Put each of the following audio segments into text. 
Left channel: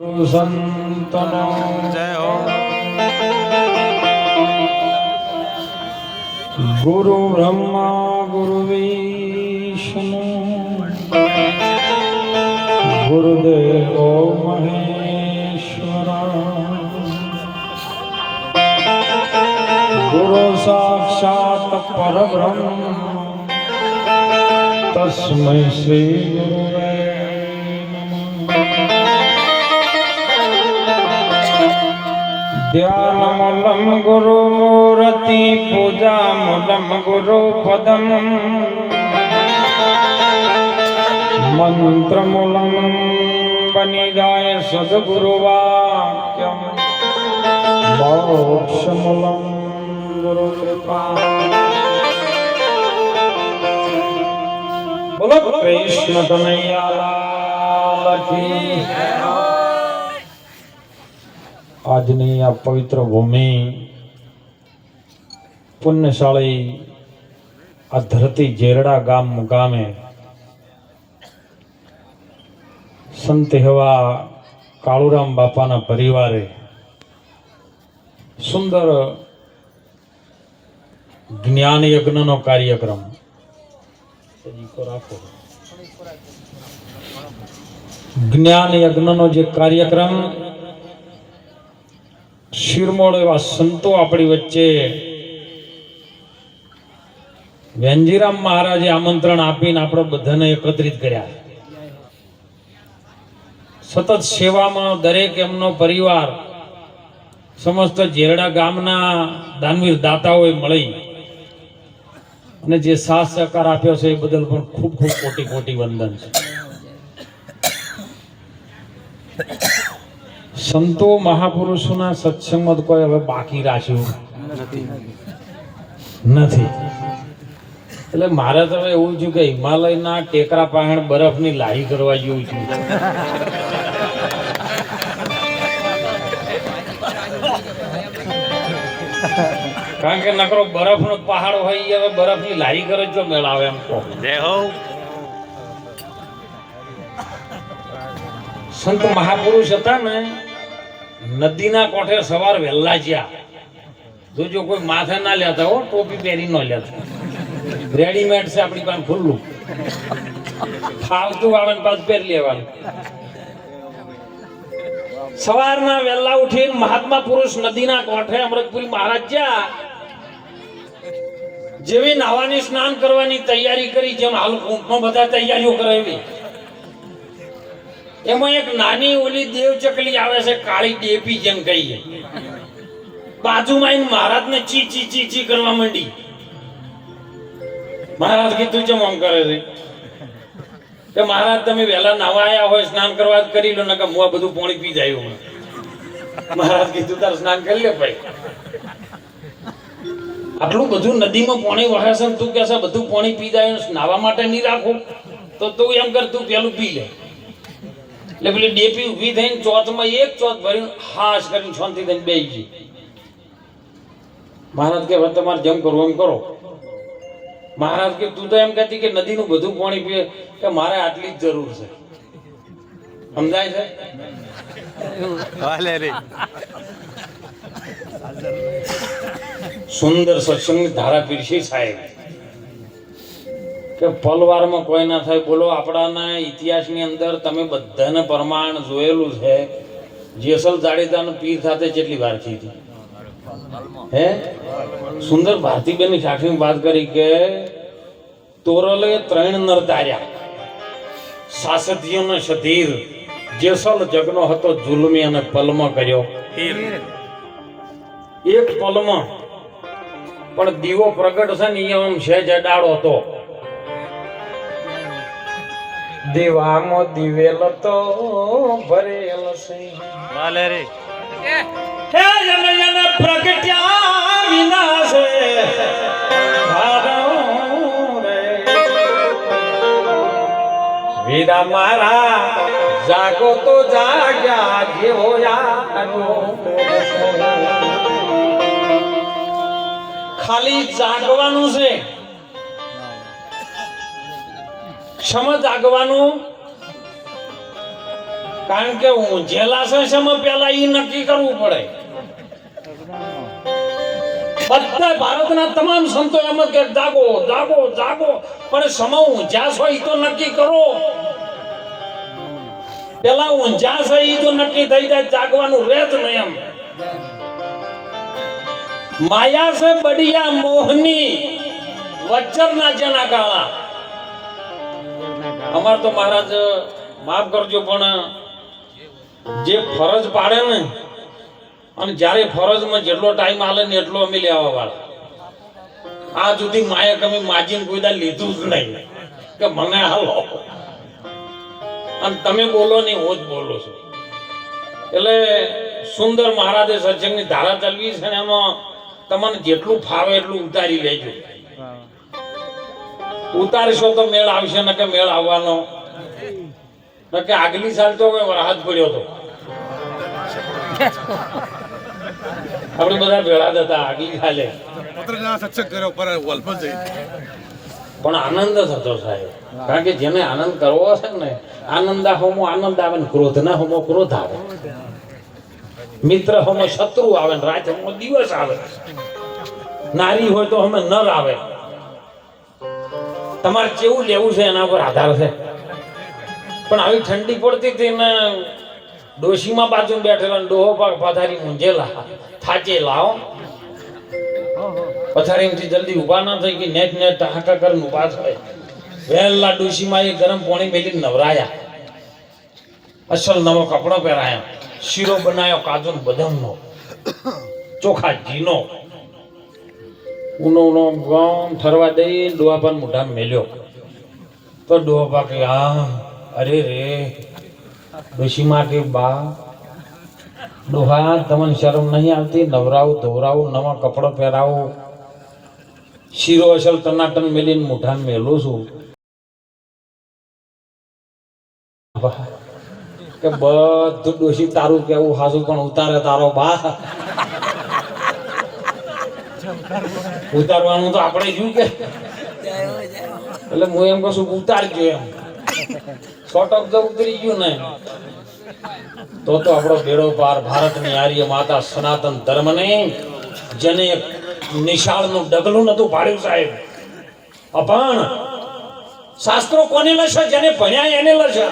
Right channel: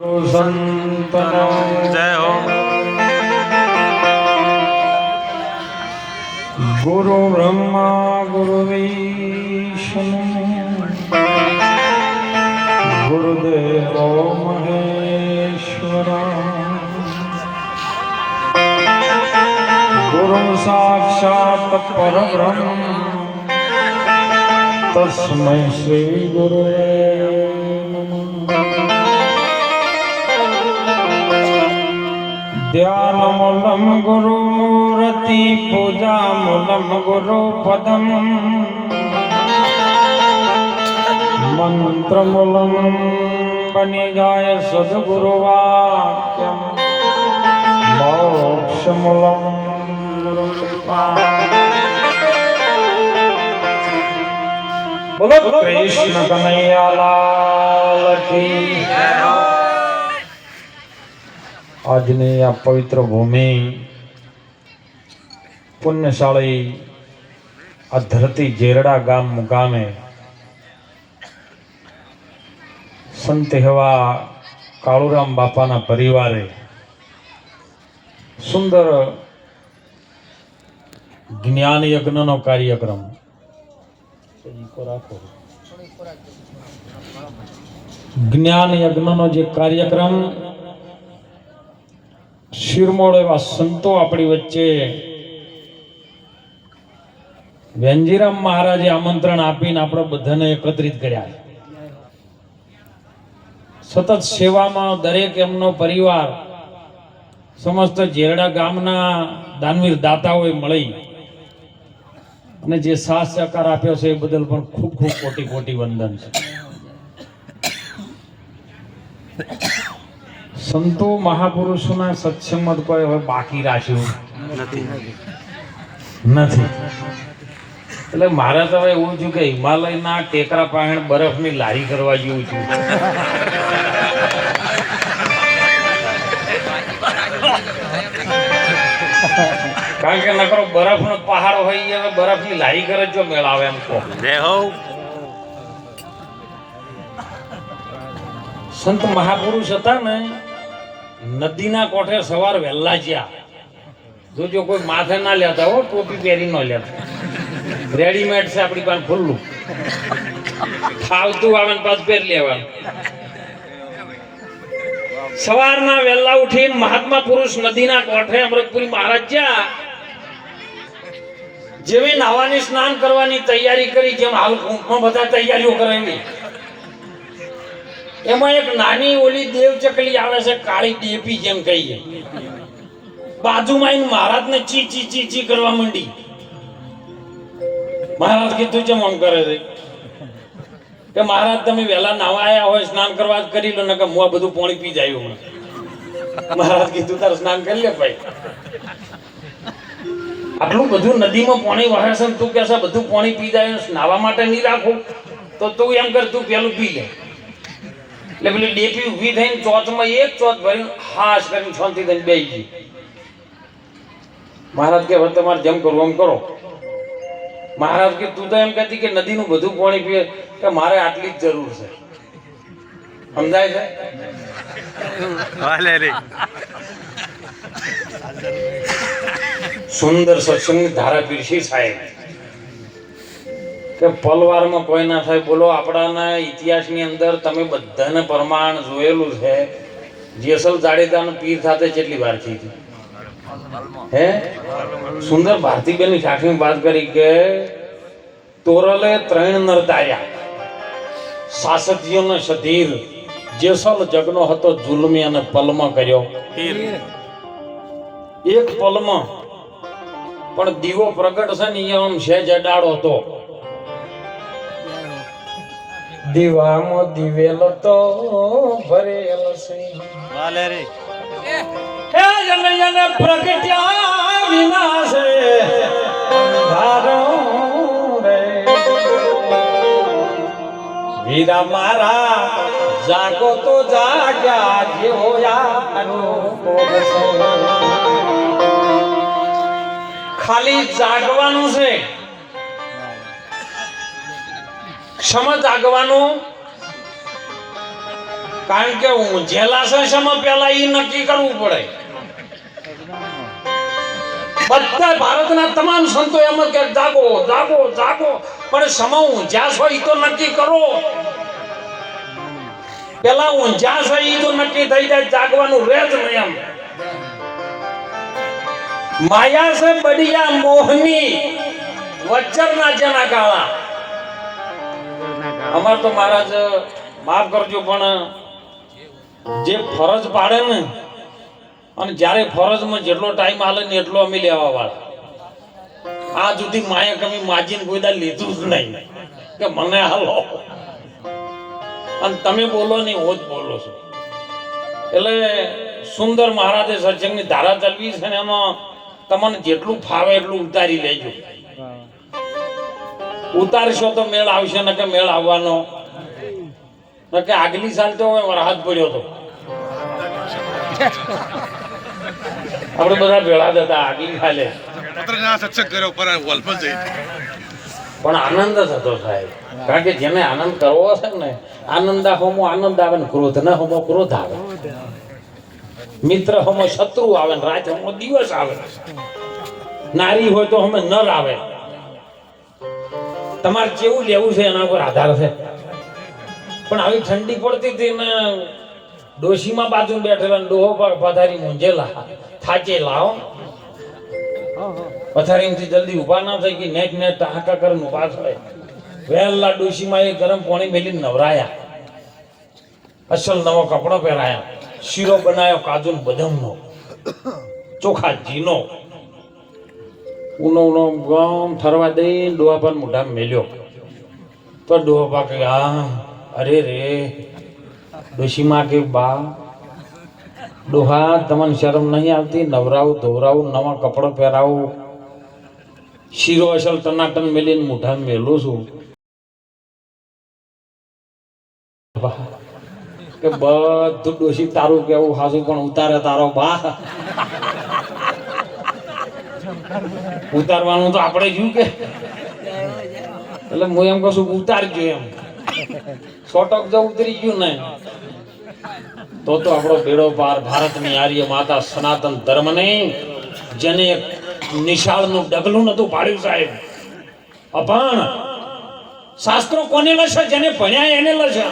संतनो जय हो। गुरु ब्रह्मा गुरु विष्णु गुरुदेव महेश्वरा गुरु साक्षात् परब्रह्म तस्मै श्री गुरुवे ध्यानमूलम गुरु मूर्ति पूजामूलम गुरु पदम मंत्रमूलम बनि जाए सद्गुरु वाक्यम मोक्षमूलम गुरु कृपा। बोलो कृष्ण कन्हैया लाल की जय हो। આજની આ પવિત્ર ભૂમિ પુણ્યશાળી આ ધરતી જેરડા ગામ મુકામે સંત એવા કાળુરામ બાપાના પરિવારે સુંદર જ્ઞાન યજ્ઞનો કાર્યક્રમ રાખો. જ્ઞાન યજ્ઞનો જે કાર્યક્રમ શિરમોળ એવા સંતો આપણી વચ્ચે વેંજીરામ મહારાજે આમંત્રણ આપીને આપણે બધાને એકત્રિત કર્યા. સતત સેવામાં દરેક એમનો પરિવાર સમસ્ત જેરડા ગામના દાનવીર દાતાઓએ મળી અને જે સાથ સહકાર આપ્યો છે એ બદલ પણ ખૂબ ખૂબ કોટી કોટી વંદન છે. સંતો મહાપુરુષોના સત્સંગ કોઈ હવે બાકી રાખ્યું નથી. એટલે મારે તો હવે એવું છું કે હિમાલયના ટેકરા પાસે બરફની લારી કરવા જેવું છું. કારણ કે નકરો બરફનો પહાડ હોય હવે બરફની લારી કરે જો મેળાવે એમ કહો. સંત મહાપુરુષ હતા ને નદીના કોઠે સવાર વહેલા જ્યાં જોજો કોઈ માથે ના લેતા હો, ટોપી પહેરી ન લેતા. રેડીમેડ છે આપણી પાસે ખુલ્લું, ફાવતું આવે પાછું પહેરી લેવાનું. સવારના વહેલા ઉઠીને મહાત્મા પુરુષ નદીના કોઠે અમૃતપુરી મહારાજ જ્યાં જેવી નાવાની સ્નાન કરવાની તૈયારી કરી, જેમ હાલ કુંભમાં બધા તૈયારીઓ કરાવી, એમાં એક નાની ઓલી દેવ ચકલી આવે છે, કાળી ડેપી જેમ કહીએ. બાજુમાં મહારાજને ચી ચી ચી ચી કરવા માંડી. મહારાજ કીધું છે આમ કરે છે કે મહારાજ તમે વહેલા નાવા આયા હોય સ્નાન કરવા કરી લો, નકર હું બધું પાણી પી જાય. મહારાજ કીધું તારે સ્નાન કરી લે ભાઈ, આટલું બધું નદીમાં પાણી વહે છે, તું કે છે બધું પાણી પી જાય, નાવા માટે નહીં રાખું તો તું એમ કર તું પેલું પી લે. એટલે પેલી ડેપી ઉભી થઈને ચોથમાં એક ચોથ ભરીને હાશ કરીને શાંતિ થઈને બેસી ગઈ. મહારાજ કે હવે તમારે જેમ કરવું એમ કરો. મહારાજ કે તું તો એમ કહેતી કે નદીનું બધું પાણી પીએ, કે મારે આટલી જ જરૂર છે. સમજાય છે? સુંદર સત્સંગની ધારા પીરસી સાહેબ કે પલવારમાં કોઈ ના થાય. બોલો આપણાના ઇતિહાસની અંદર તમે બધાને પ્રમાણ જોયેલું છે. જેસલ જાડેજાનું પીર સાથે કેટલી વાર થઈ હતી હે? સુંદર ભારતીબેનની સાક્ષીની વાત કરી કે તોરલે 3 નર તાર્યા, સાસતીઓને સધીર, જેસલ જગનો હતો જુલમી અને પલમાં કર્યો. એક પલમાં પણ દીવો પ્રગટ છે ને એમ સહેજ અડાડો હતો. દીવામાં દિવેલ તો ભરેલ છે, હે જન પ્રગટ્યા વિના છે વીરા મારા જાગો તો જાગ્યા જેવો ખાલી જાગવાનું છે. ક્ષમ જાગવાનું કારણ કે ઊંઝેલા છે શેમાં પેલા ઈ નક્કી કરવું પડે. બધા ભારતના તમામ સંતો એમ જ કે જાગો જાગો જાગો, પણ સમા ઊંઝા છો ઈ તો નક્કી કરો. પેલા ઊંઝા છે ઈ તો નક્કી થઈ જાય, જાગવાનું રહે જ નહીં. એમ માયા છે બડિયા મોહની, વચ્ચરના જેના કાળા. અમાર તો મહારાજ માફ કરજો, પણ જે ફરજ પાડે ને, અને જ્યારે ફરજમાં જેટલો ટાઈમ આલે ને એટલો અમે લેવા વાળા. આ સુધી માયા કમી માજીને કોઈ દા લીધું જ નહીં કે મને હાલો, અને તમે બોલો નહીં હું જ બોલો છું. એટલે સુંદર મહારાજે સત્સંગની ધારા ચલવી છે ને, એમાં તમને જેટલું ફાવે એટલું ઉતારી લેજો. ઉતારશો તો મેળ આવશે, ને કે મેળ આવવાનો ને કે આગલી સાલ તો વરસાદ પડ્યો હતો. આપણે બધા ભેળા જ હતા આગલી સાલે, પણ આનંદ થતો સાહેબ. કારણ કે જેને આનંદ કરવો છે ને, આનંદ હોમો આનંદ આવે ને ક્રોધ ના હોમો ક્રોધ આવે, મિત્ર હોમો શત્રુ આવે ને રાત હોમો દિવસ આવે, નારી હોય તો અમે નર આવે. તમારે કેવું લેવું છે એના ઉપર આધાર છે. પણ આવી ઠંડી પડતી હતી ને ડોશીમાં બાજુ બેઠેલા ડોહો પર પથારી મૂંઝેલા થાચેલા, પથારીમાંથી જલ્દી ઉભા ના થઈ કે નેટ નેટ હાકા કરીને ઉભા થાય. વહેલા ડોશીમાં એ ગરમ પાણી મેલી નવરાયા, અસલ નવો કપડો પહેરાયા, શીરો બનાવ્યો કાજુ બદામનો, ચોખા ઘીનો, ઉનો ઉનો ગમ ફરવા દઈ ડોહા પર મોઢા મેલ્યો. તો ડોહા પા કે હા અરે રે ડોશીમાં કે બા ડોહા તમને શરમ નહીં આવતી? નવરાવું ધોવરાવું, નવા કપડો પહેરાવું, શીરો અસલ ટનાટન મેલીને મોઢા મેલું છું કે બધું ડોશી તારું કેવું હાસું, પણ ઉતારે તારો બા. ઉતારવાનું તો આપણે શું કે, એટલે હું એમ કહું છું ઉતારજો એમ. છોટક તો ઉતરી ગયું ને તો આપણો બેડો પાર. ભારતની આર્ય માતા સનાતન ધર્મને જેને નિશાળનું ડગલું નતું પાડ્યું સાહેબ, અપાણ શાસ્ત્રો કોને લશે? જેને ભણ્યા એને લશે,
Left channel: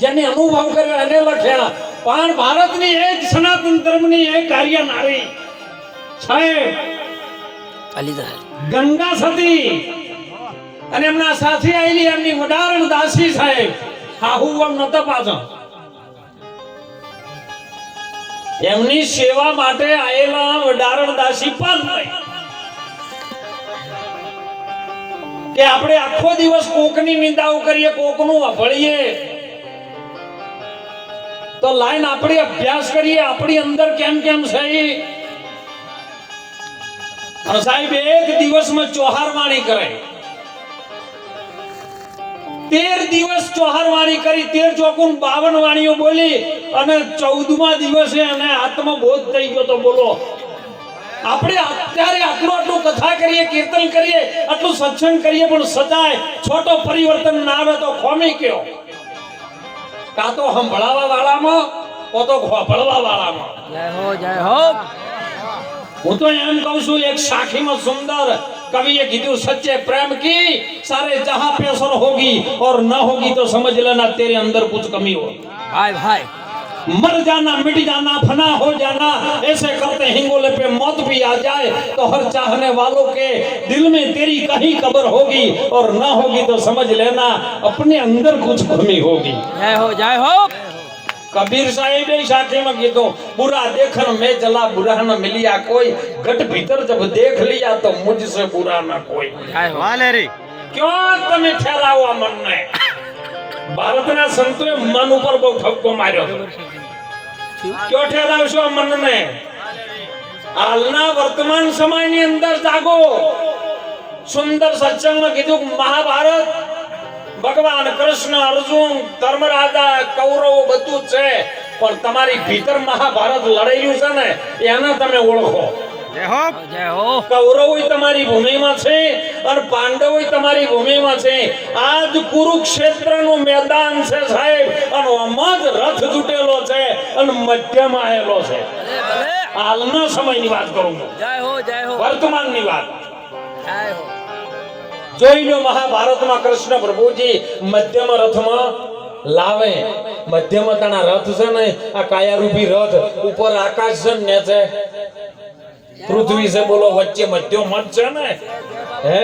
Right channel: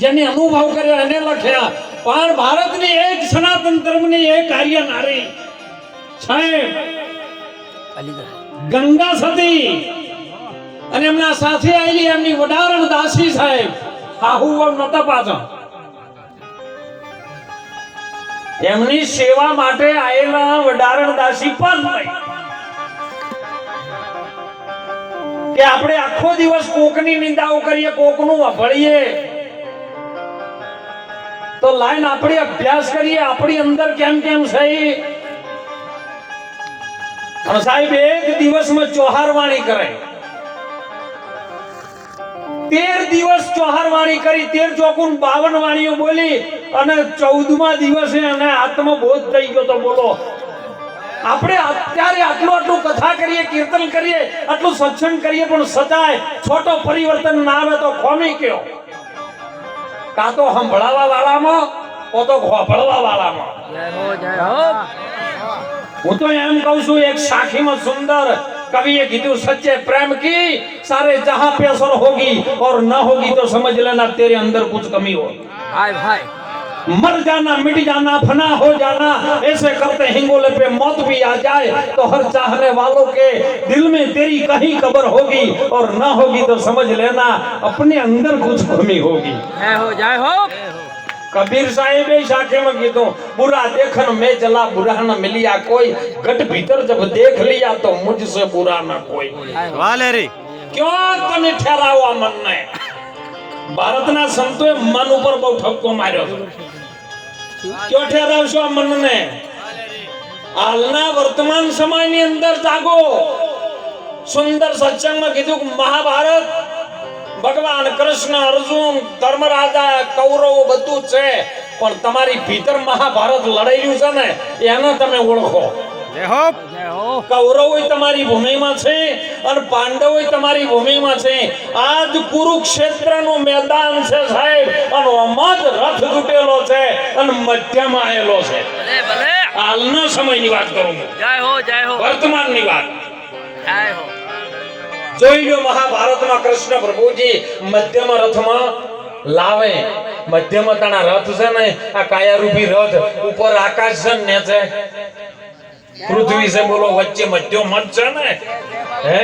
જેને અનુભવ કર્યો એને લખ્યા. પણ ભારતની એક સનાતન ધર્મની એક આર્ય નારી સાહેબ ગંગા સતી, અને એમના સાથે આવેલી એમની વડારણ દાસી સાહેબ, હાહુ નતા પાછા એમની સેવા માટે આવેલા વડારણ દાસી પણ કે આપણે આખો દિવસ કોકની નિંદાઓ કરીએ, કોકનું અભળીએ, તો લાઈન આપણે અભ્યાસ કરીએ આપણી અંદર કેમ કેમ છે. અને સાહેબ એક દિવસમાં ચોહારવાણી કરે, 13 દિવસ ચોહારવાણી કરી, 13 ચોકુન 52 વાણીઓ બોલી, અને 14મા દિવસે એને આત્મબોધ થઈ ગયો. તો બોલો આપણે અત્યારે આટલું કથા કરીએ, કીર્તન કરીએ, આટલું સત્સંગ કરીએ, પણ સદાય છોટો પરિવર્તન ના આવે તો ખોમી કયો? કાં તો સંભળાવા વાળામાં, કો તો ખોભળવા વાળામાં. હું તો એમ કહું છું, એક સાખીમાં સુંદર कवि कीधु सच्चे प्रेम की सारे जहां पे असर होगी और न होगी तो समझ लेना तेरे अंदर कुछ कमी हो. भाई भाई मर जाना मिट जाना फना हो जाना ऐसे करते हिंगोले पे मौत भी आ जाए तो हर चाहने वालों के दिल में तेरी कहीं कब्र होगी और न होगी तो समझ लेना अपने अंदर कुछ कमी होगी. जय हो कबीर साहिब साखे में कीधो बुरा देखन में चला बुरा न मिलिया कोई गट भीतर जब देख लिया तो मुझसे बुरा न कोई. क्यों तमे ठहरावा मन ने भारतना संतोए मन ऊपर बहुत ठपको मार्यो. क्यों ठहरावशो मन ने? हालना वर्तमान समय ની અંદર જાગો. સુંદર સત્સંગમાં કીધું મહાભારત ભગવાન કૃષ્ણ અર્જુન ધર્મરાજા કૌરવો બધું છે પણ તમારી ભીતર મહાભારત લડાયું છે ને એને તમે ઓળખો. કૌરવો તમારી ભૂમિમાં છે અને પાંડવો તમારી ભૂમિમાં છે. આજ કુરુક્ષેત્રનું મેદાન છે સાહેબ, અને આમાં જ રથ તૂટેલો છે અને મધ્યમાં આવેલો છે. હાલના સમયની વાત કરું છું, વર્તમાનની વાત. જોઈ લો, મહાભારતમાં કૃષ્ણ પ્રભુજી મધ્યમાં રથમાં લાવે. મધ્યમાં તાણા રથ છે ને, આ કાયારૂપી રથ ઉપર આકાશ છે ને છે પૃથ્વી છે, બોલો વચ્ચે મધ્ય મત છે ને. હે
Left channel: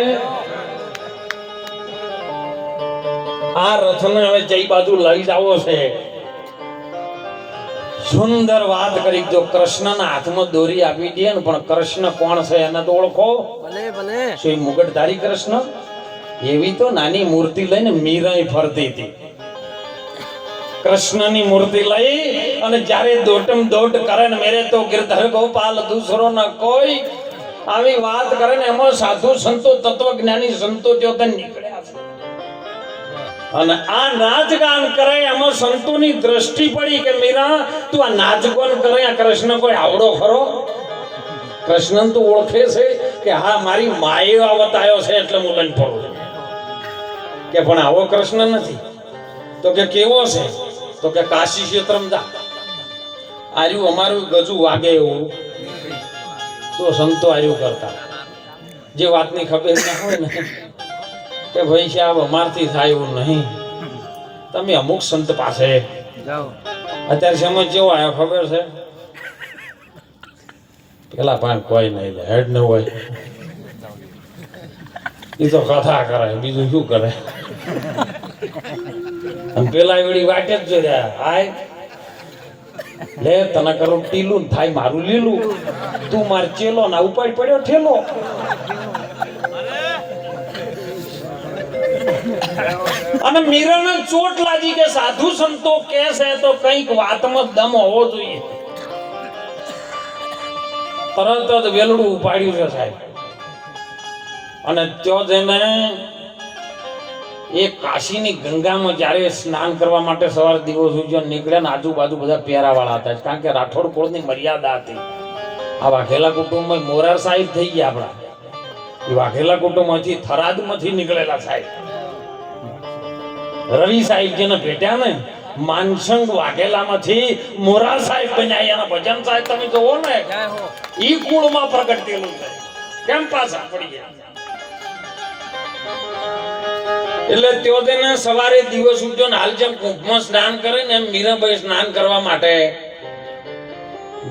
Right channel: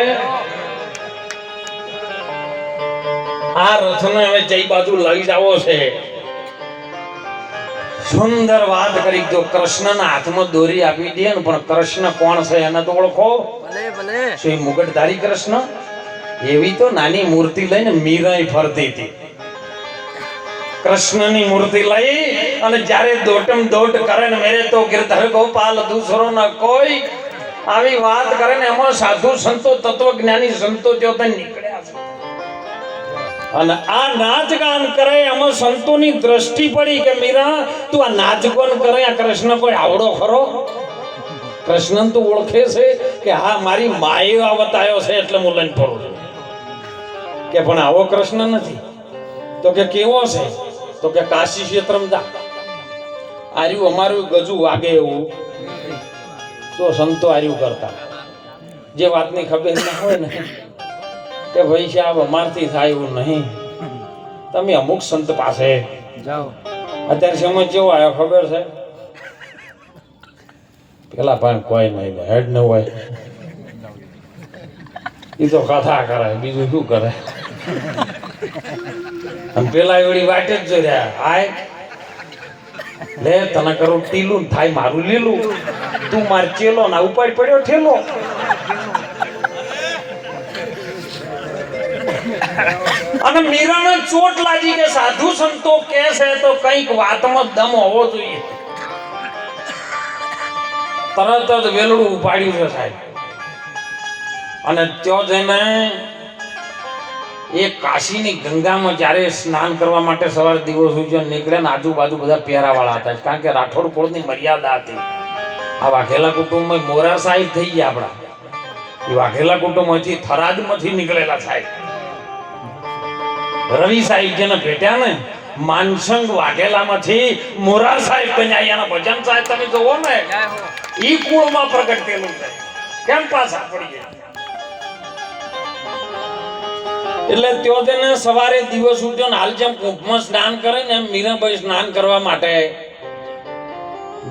આ રથને હવે જઈ બાજુ લઈ જાવો છે. સુંદર વાત કરી. જો કૃષ્ણના હાથમાં દોરી આપી દે ને, પણ કૃષ્ણ કોણ છે એને તો ઓળખો. શ્રી મુગટધારી કૃષ્ણ. એવી તો નાની મૂર્તિ લઈને મીરાઈ ફરતી હતી. કૃષ્ણની મૂર્તિ લઈ અને જ્યારે દોટમ દોટ કરે ને, મેરે તો ગિરધર ગોપાલ દૂસરો ન કોઈ, આવી વાત કરે ને, એમાં સાધુ સંતો તત્વજ્ઞાની સંતો જોતા નીકળ્યા છે. અને આ નાચ ગાન કરે એમાં સંતોની દ્રષ્ટિ પડી કે મીરા તું આ નાચ ગાન કરે, આ કૃષ્ણ કોઈ આવડો ખરો? કૃષ્ણ તો ઓળખે છે કે હા મારી માએ આવતાયો છે એટલે હું લઈને ફરું છું. કે પણ આવો કૃષ્ણ નથી. તો કે કેવો છે? તો કે કાશી ક્ષેત્રમાં જા, આર્યું અમારું ગજુ વાગે એવું. તો સંતો આર્યું કરતા. જે વાતની ખબર ના હોય ને કે ભાઈ સાહેબ અમારથી થાય એવું નહીં, તમે અમુક સંત પાસે જાઓ. અત્યારે સમય કેવો આવ્યો ખબર છે? પેલા પાંચ કોઈ નહીં, હેડ ન હોય એ તો કથા કરે, બીજું શું કરે? અને પેલા એવડી વાટે જ જોયા, હાય લે તને કરું ટીલું થાય મારું લીલું, તું માર ચેલો ના ઉપાડ પડ્યો ઠેલો. અને મીરાને ચોટ લાગી કે સાધુ સંતો કે છે તો કઈક વાતમાં દમ હોવો જોઈએ. તરત જ વેલડું ઉપાડ્યું છે સાહેબ. અને ત્યાં જઈને એ કાશીની ગંગામાં જ્યારે સ્નાન કરવા માટે સવારે દિવસ ઉજ્જૈન નીકળ્યા ને, આજુબાજુ બધા પહેરાવાળા હતા, કારણ કે રાઠોડ કુળની મર્યાદા હતી. આ વાઘેલા કુટુંબમાં મોરાર સાહેબ થઈ ગયા આપણા. એ વાઘેલા કુટુંબમાંથી થરાદમાંથી નીકળેલા સાહેબ. રવિ સાહેબ જેને ભેટ્યા ને, માનસંગ વાઘેલામાંથી મોરાર સાહેબ બન્યા. એના ભજન સાહેબ તમે જોવો ને, ઈ કુળમાં પ્રગટ થયેલું છે. કેમ પાછા પડી ગયા? એટલે ત્યો તેને સવારે દિવસ ઉઠ્યો ને, હાલ જેમ કુંભમાં સ્નાન કરે ને એમ મીરાબાઈ સ્નાન કરવા માટે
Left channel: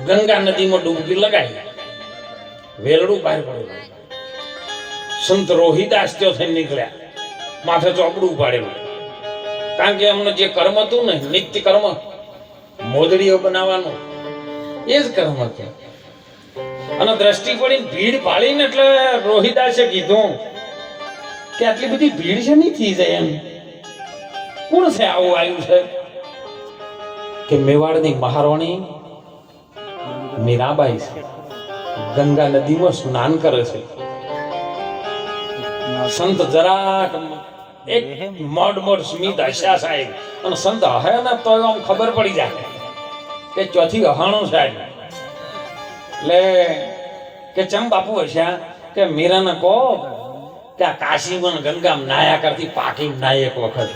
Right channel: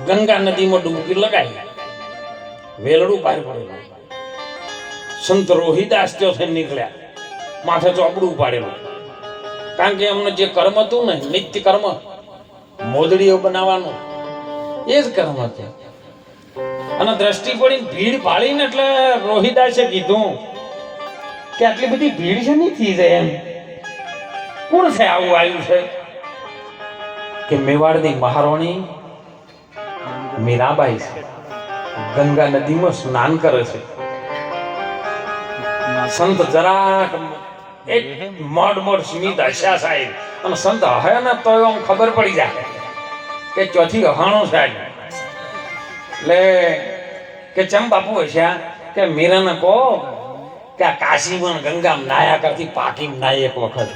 ગંગા નદીમાં ડૂબકી લગાવી. વેલડું પાર પડેલું. સંત રોહિદાસ ત્યો થઈને નીકળ્યા, માથે ચોપડું ઉપાડેલું. કારણ કે એમને જે કર્મ હતું ને, નિત્ય કર્મ, મોદડીઓ બનાવવાનું, એ જ કર્મ હતું. અને દ્રષ્ટિ પડી ભીડ પાડીને, એટલે રોહિદાસે કીધું કે આટલી બધી ભીડ છે નહીં થઈ જાય એમ. કોણ છે આવું આવ્યું છે? કે મેવાડની મહારાણી મીરાબાઈ છે, ગંગા નદીમાં સ્નાન કરે છે. સંત જરાક એક મોડ સ્મિત હસ્યા સાહેબ. અને સંત હે ને તો આમ ખબર પડી જાય કે ચોથી અહાણો છે આજે. એટલે કે ચમ બાપુ હસ્યા કે મીરાને કહો કે આ કાશીમાં ગંગામાં નાયા કરતી પાકીમાં નાય એક વખત.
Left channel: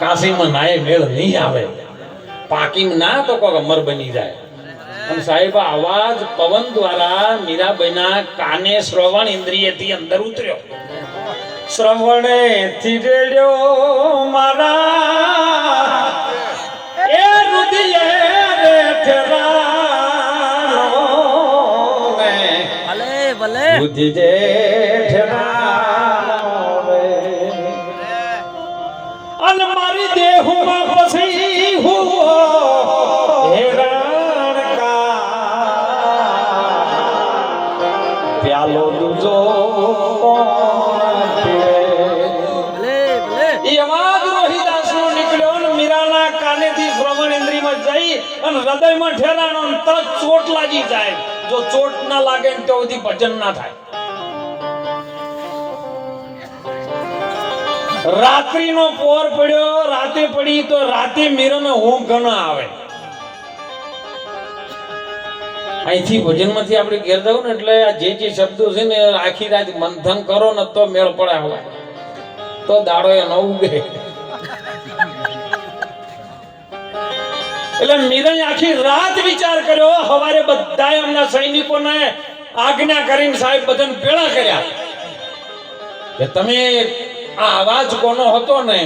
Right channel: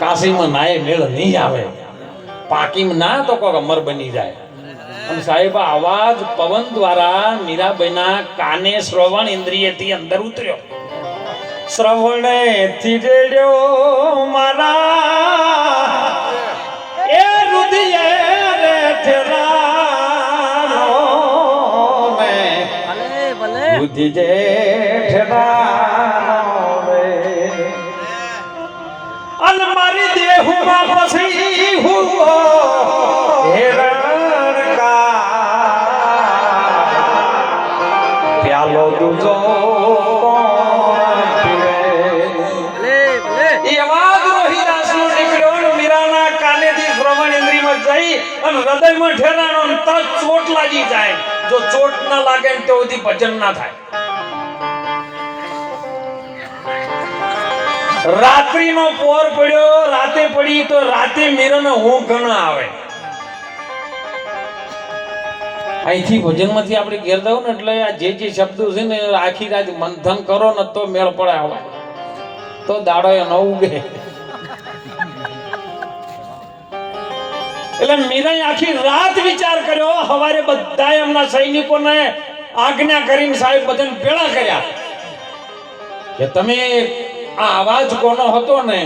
કાશીમાં નાય મેળ નહીં આવે, પાકીમાં ના તો કોક અમર બની જાય. અને સાહેબ આવાજ પવન દ્વારા મીરાબાઈના કાને શ્રવણ ઇન્દ્રિયથી અંદર ઉતર્યો. શ્રવણે થી રેડ્યો મારા એ રુધિયે રે ઠેરાનો ને બુદ્ધિ જે ઠેરાનો રે. અન મારી દેહમાં પછી હું હેરણ કા પ્યાલો દૂજો હૃદયમાં ઠેરાનો, તરત ચોટ લાગી જાય. જો ચોટ ના લાગે ને તો સુધી ભજન ના થાય. રાત્રિનો પોર પડ્યો, રાતે પડી તો રાતે મીરાને ઊંઘ ઘણા આવે. અહીંથી ભજનમાંથી આપણે ઘેર જાવ ને એટલે આ જે શબ્દો છે ને આખી રાત મંથન કરો ને તો મેળ પડે હોય તો દાડો ન ઉગે. એટલે મીરાએ આખી રાત વિચાર કર્યો. સવારે બધા એમના સૈનિકોને આજ્ઞા કરીને સાહેબ બધાને ભેળા કર્યા કે તમે આ અવાજ કોનો હતો ને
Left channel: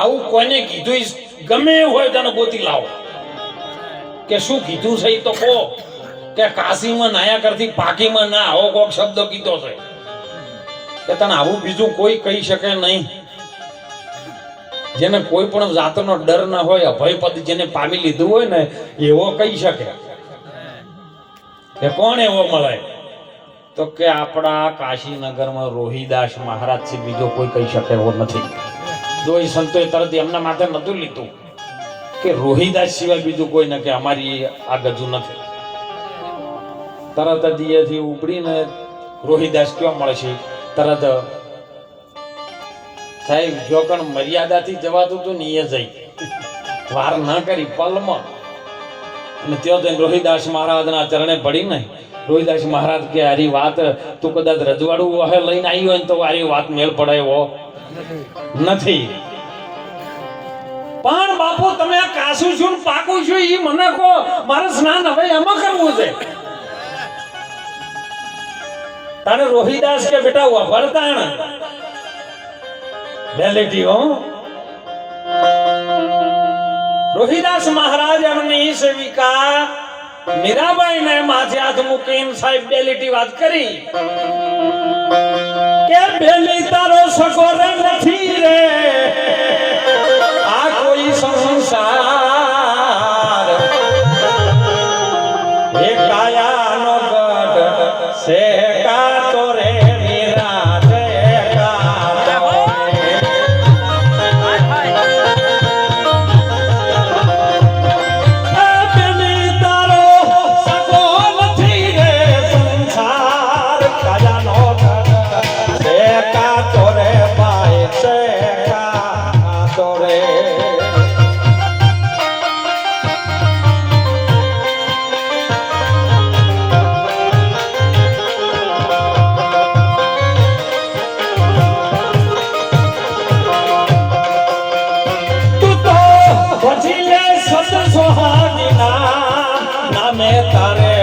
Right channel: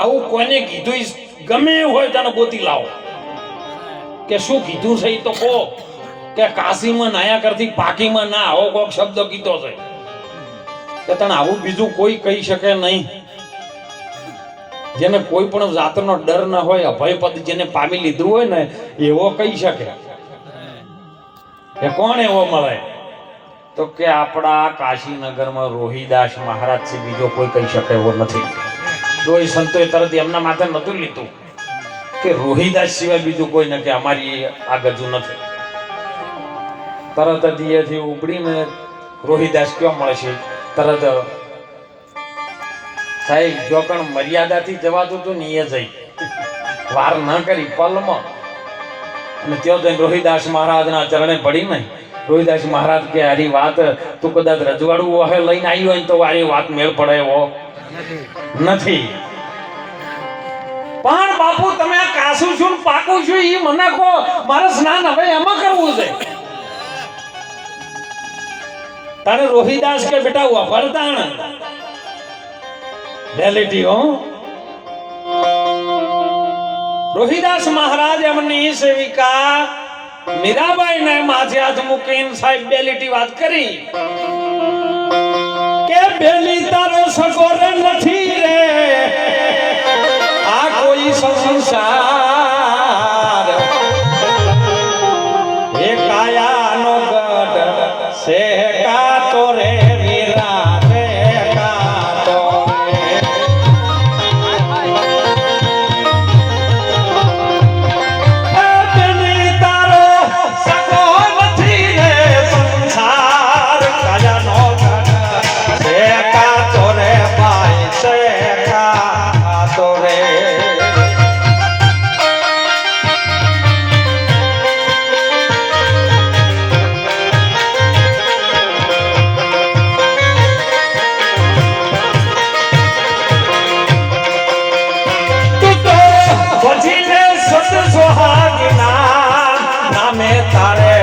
આવું કોઈને કીધું ગમે એવું હોય તને ગોતી લાવો કે શું કીધું છે તો કહો કે કાશીમાં નાયા કરતી પાકીમાં ના આવો કોક શબ્દ કીધો છે કે તને આવું બીજું કોઈ કહી શકે નહીં. જેને કોઈ પણ જાતનો ડર ના હોય અભય પદ જેને પામી લીધું હોય ને એવો કહી શકે કે કોણ એવો મળે તો કે આપણા કાશીનગરમાં રોહિદાસ મહારાજ થી બીજો કોઈ કહી શકે એવો નથી. જો એ સંતોએ તરત એમના માથે નતું લીધું કે રોહિદાસ સિવાય બીજું કોઈ નથી, અમારી આ ગજુ નથી. તરત જ એથી ઉપડીને રોહિદાસ ક્યાં મળશે? તરત સાહેબ જો કણ મર્યાદાથી જવાતું હતું ને એ જઈ વાર ન કરી પલમાં અને ત્યાં જઈને રોહિદાસ મહારાજના ચરણે પડી નહીં. રોહિદાસ મહારાજ કે આરી વાત તું કદાચ રજવાડું વહે લઈને આવી હોય ને તો આરી વાત મેળ પડે એવો નથી. પણ બાપુ તમે આ કાસું છું પાકું છું એ મને કહો, મારે સ્નાન હવે એમાં કરવું છે. તને રોહિદાસ કે બેટા વફરતાણ ડેલેટી હો. રોહિદાસ મહારાજ એમની સેવિકા મીરાબાઈ ને માથે હાથ મૂકીને સાહેબ ડેલેટી વાત કરી કે બેલી તારો સગોર નથી રે આ કોઈ સંસાર એ કાયાનો ગઢ છે કાતો રે મીરા રે કાતો એ બેલી તારો સગોર નથી રે સંસાર કાયાનો ગઢ છે કાતો રે બાઈ છે કાતો રે. નામે તારે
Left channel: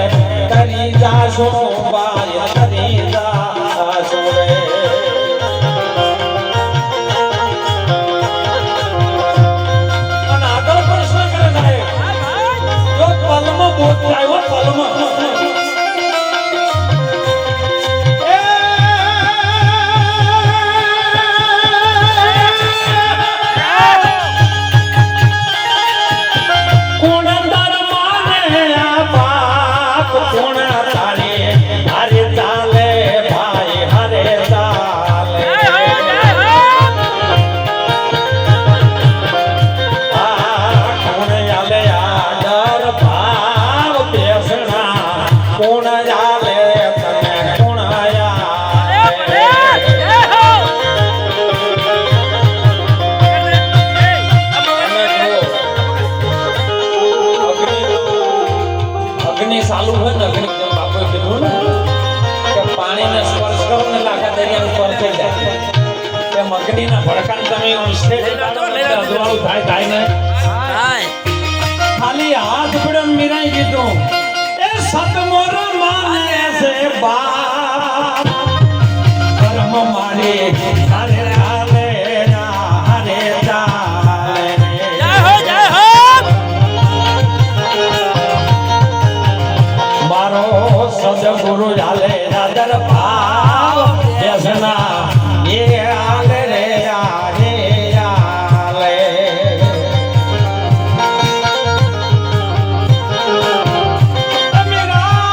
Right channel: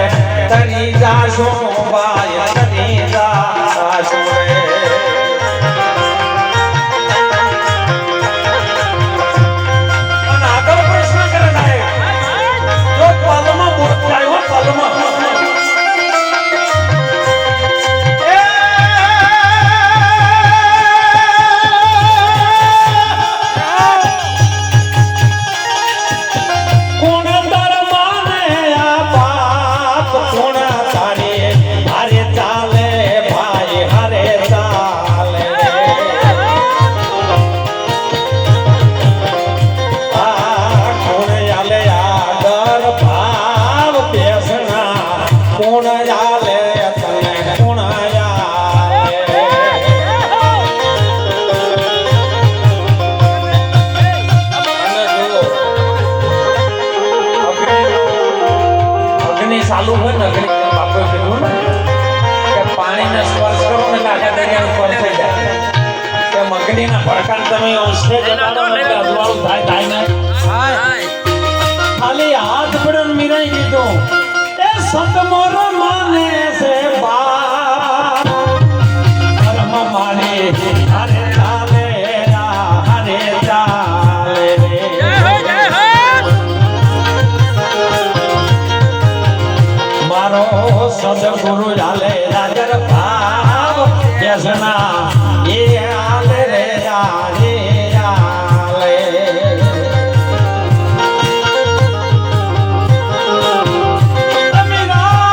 તરી જાશો બાય તરી જાશો રે. અને આગળ પ્રશ્ન કરે સાહેબ જો પલમાં બોધ થાય હો પલમાં ચાલુ હોય ને અગ્નિ બાપુએ કીધું ને કે પાણીને સ્પર્શ કરો ને આખા દરિયાનું સ્પર્શ થઈ જાય કે મગડીના ભડકાને તમે અંશે અજવાળું થાય ને ખાલી હાથ પડે મીરાઈ કીધું એ સતમોર માને છે બાપ કર્મ મારે હરે ચાલે હરે ચાલે ગુરુ જાલે રાજર ભાવ દેશના એ આલે રે આલે આલે. મીરા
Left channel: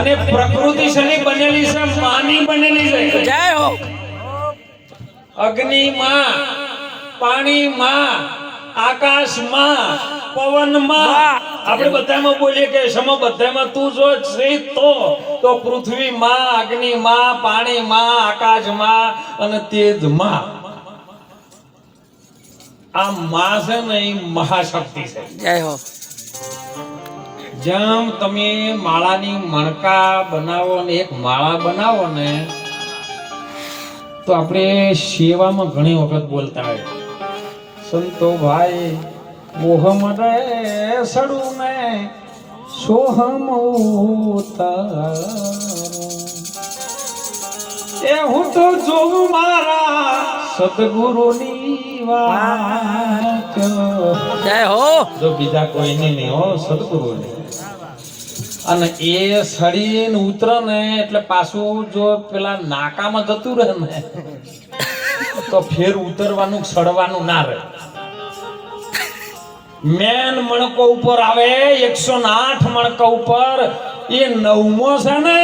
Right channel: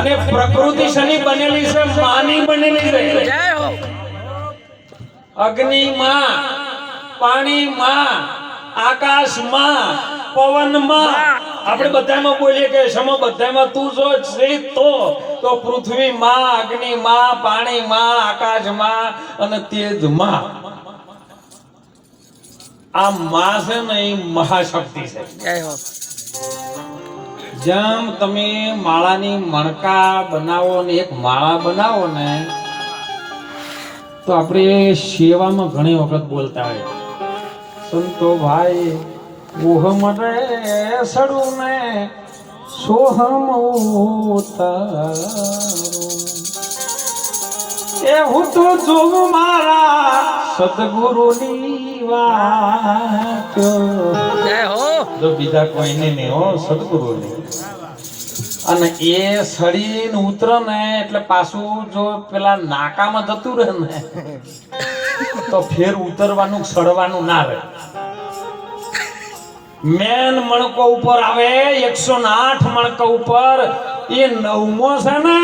અને પ્રકૃતિ શની બનેલી છે, માની બનેલી છે. જય હો. અગ્નિ માં, પાણી માં, આકાશ માં, પવન માં. આપણે બધામાં બોલીએ કે સમો બધામાં તું જો છે તો પૃથ્વી માં, અગ્નિ માં, પાણી માં, આકાશ માં અને તેજ માં. આ માં છે ને એ મહાશક્તિ છે. જય હો. જેમ તમે માળાની મણકા બનાવો ને એક માળા બનાવો ને તો આપણે સેવામાં ઘણી વખત બોલતા હોય સંતો ભાઈ ઓહમ રે સડું મે સોહમ ઉતારો એ હું તો જોગ મારા સદગુરુની વાત. જય હો. જો બીજા કોઈને નહીં હો, સદગુરુની. અને એ સડીને ઉતરે ને એટલે પાછું જો પેલા નાકામાં જતું રહે ને તો ફેર ઉતરવાનું સડવાનું ના રહે. મેન મણકો ઉપર આવે 108 મણકા ઉપર, એ 9મો છે ને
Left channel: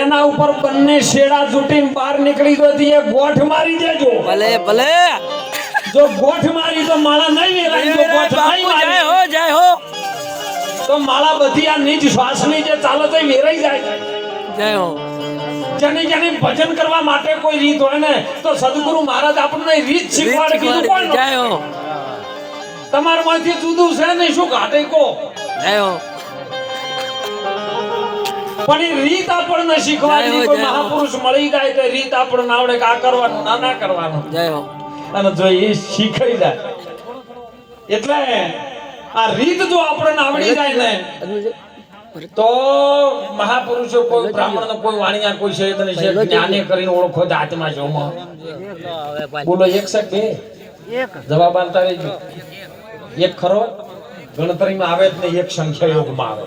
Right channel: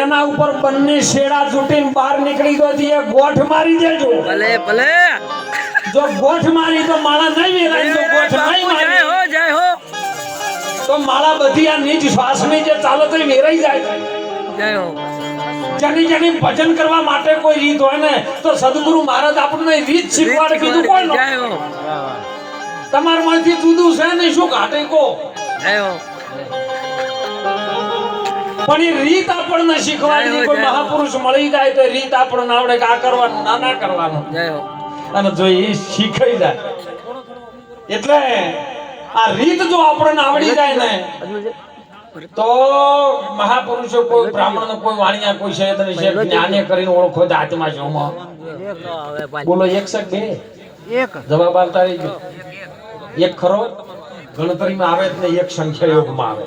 એના ઉપર બંને શેડા ચૂંટીને બહાર નીકળી તો એ ગોઠ મારી દેજો. ભલે ભલે. જો ગોઠ મારી તો માળા નહીં વેરાય. જો ગોઠ નહીં જય મારી હો. જય હો. તો માળા બધી આ નીચ શ્વાસની જે ચાલે છે એ વેરાઈ જાય. જય હો. જેની ભજન કરવા માટે કોઈ રીત હોય ને તો સદગુરુ મહારાજ આપણને રીત શીખવાડે. બીજું કોઈ જય હો. તમારમાંથી જુદું છે ને શું ઘાટે કો. જય હો. પણ એ રીત આપણને શીખવાડી. કોઈ મહાપુરુષ મળી જાય તો રીત આપણને આવડે કે આ કરવાનું ના કરવાનું. જય હો. અને જો એ શીખાઈ જાય એટલે આ રીત જો આપણને આવડી જાય ને તો મહાપુરુષો કોઈ બ્રાહ્મણ કોઈ વાણિયા કોઈ છે જ્ઞાને કરીને ઓળખો જ આત્મા છે. બોલો એક છે બે જવાબ આલતા રહેજો. એક ખરો ગણતરીમાં આવે જ નહીં, એક સંખ્યા યોગમાં આવે.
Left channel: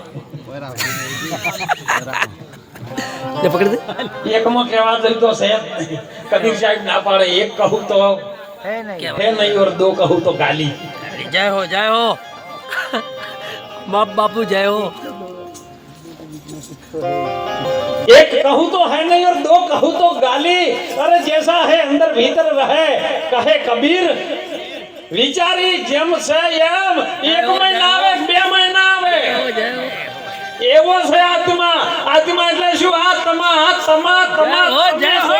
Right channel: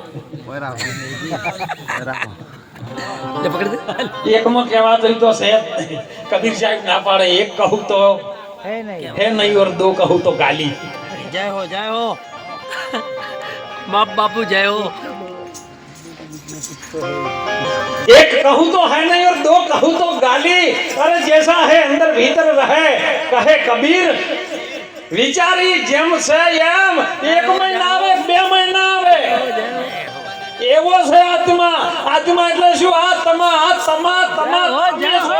એકમાં કહેવા જઈ તો છે કબીર સાહેબ ના પાડે. એક કહું તો હે નહીં ઓર દો કહું તો ગાલી. જય હો. જય હો. બાપ બાપુ જય હો. एक कहूँ तो है नहीं और दो कहूँ तो गाली. अरे जैसा है अंदर भीतर रहे कहे कबीर. विचारी जेम से एम एक महीना आवे બે મહિના આવે એવો છે આત્મા. આત્મા એટલે શું? આત્મા તમા જય હો.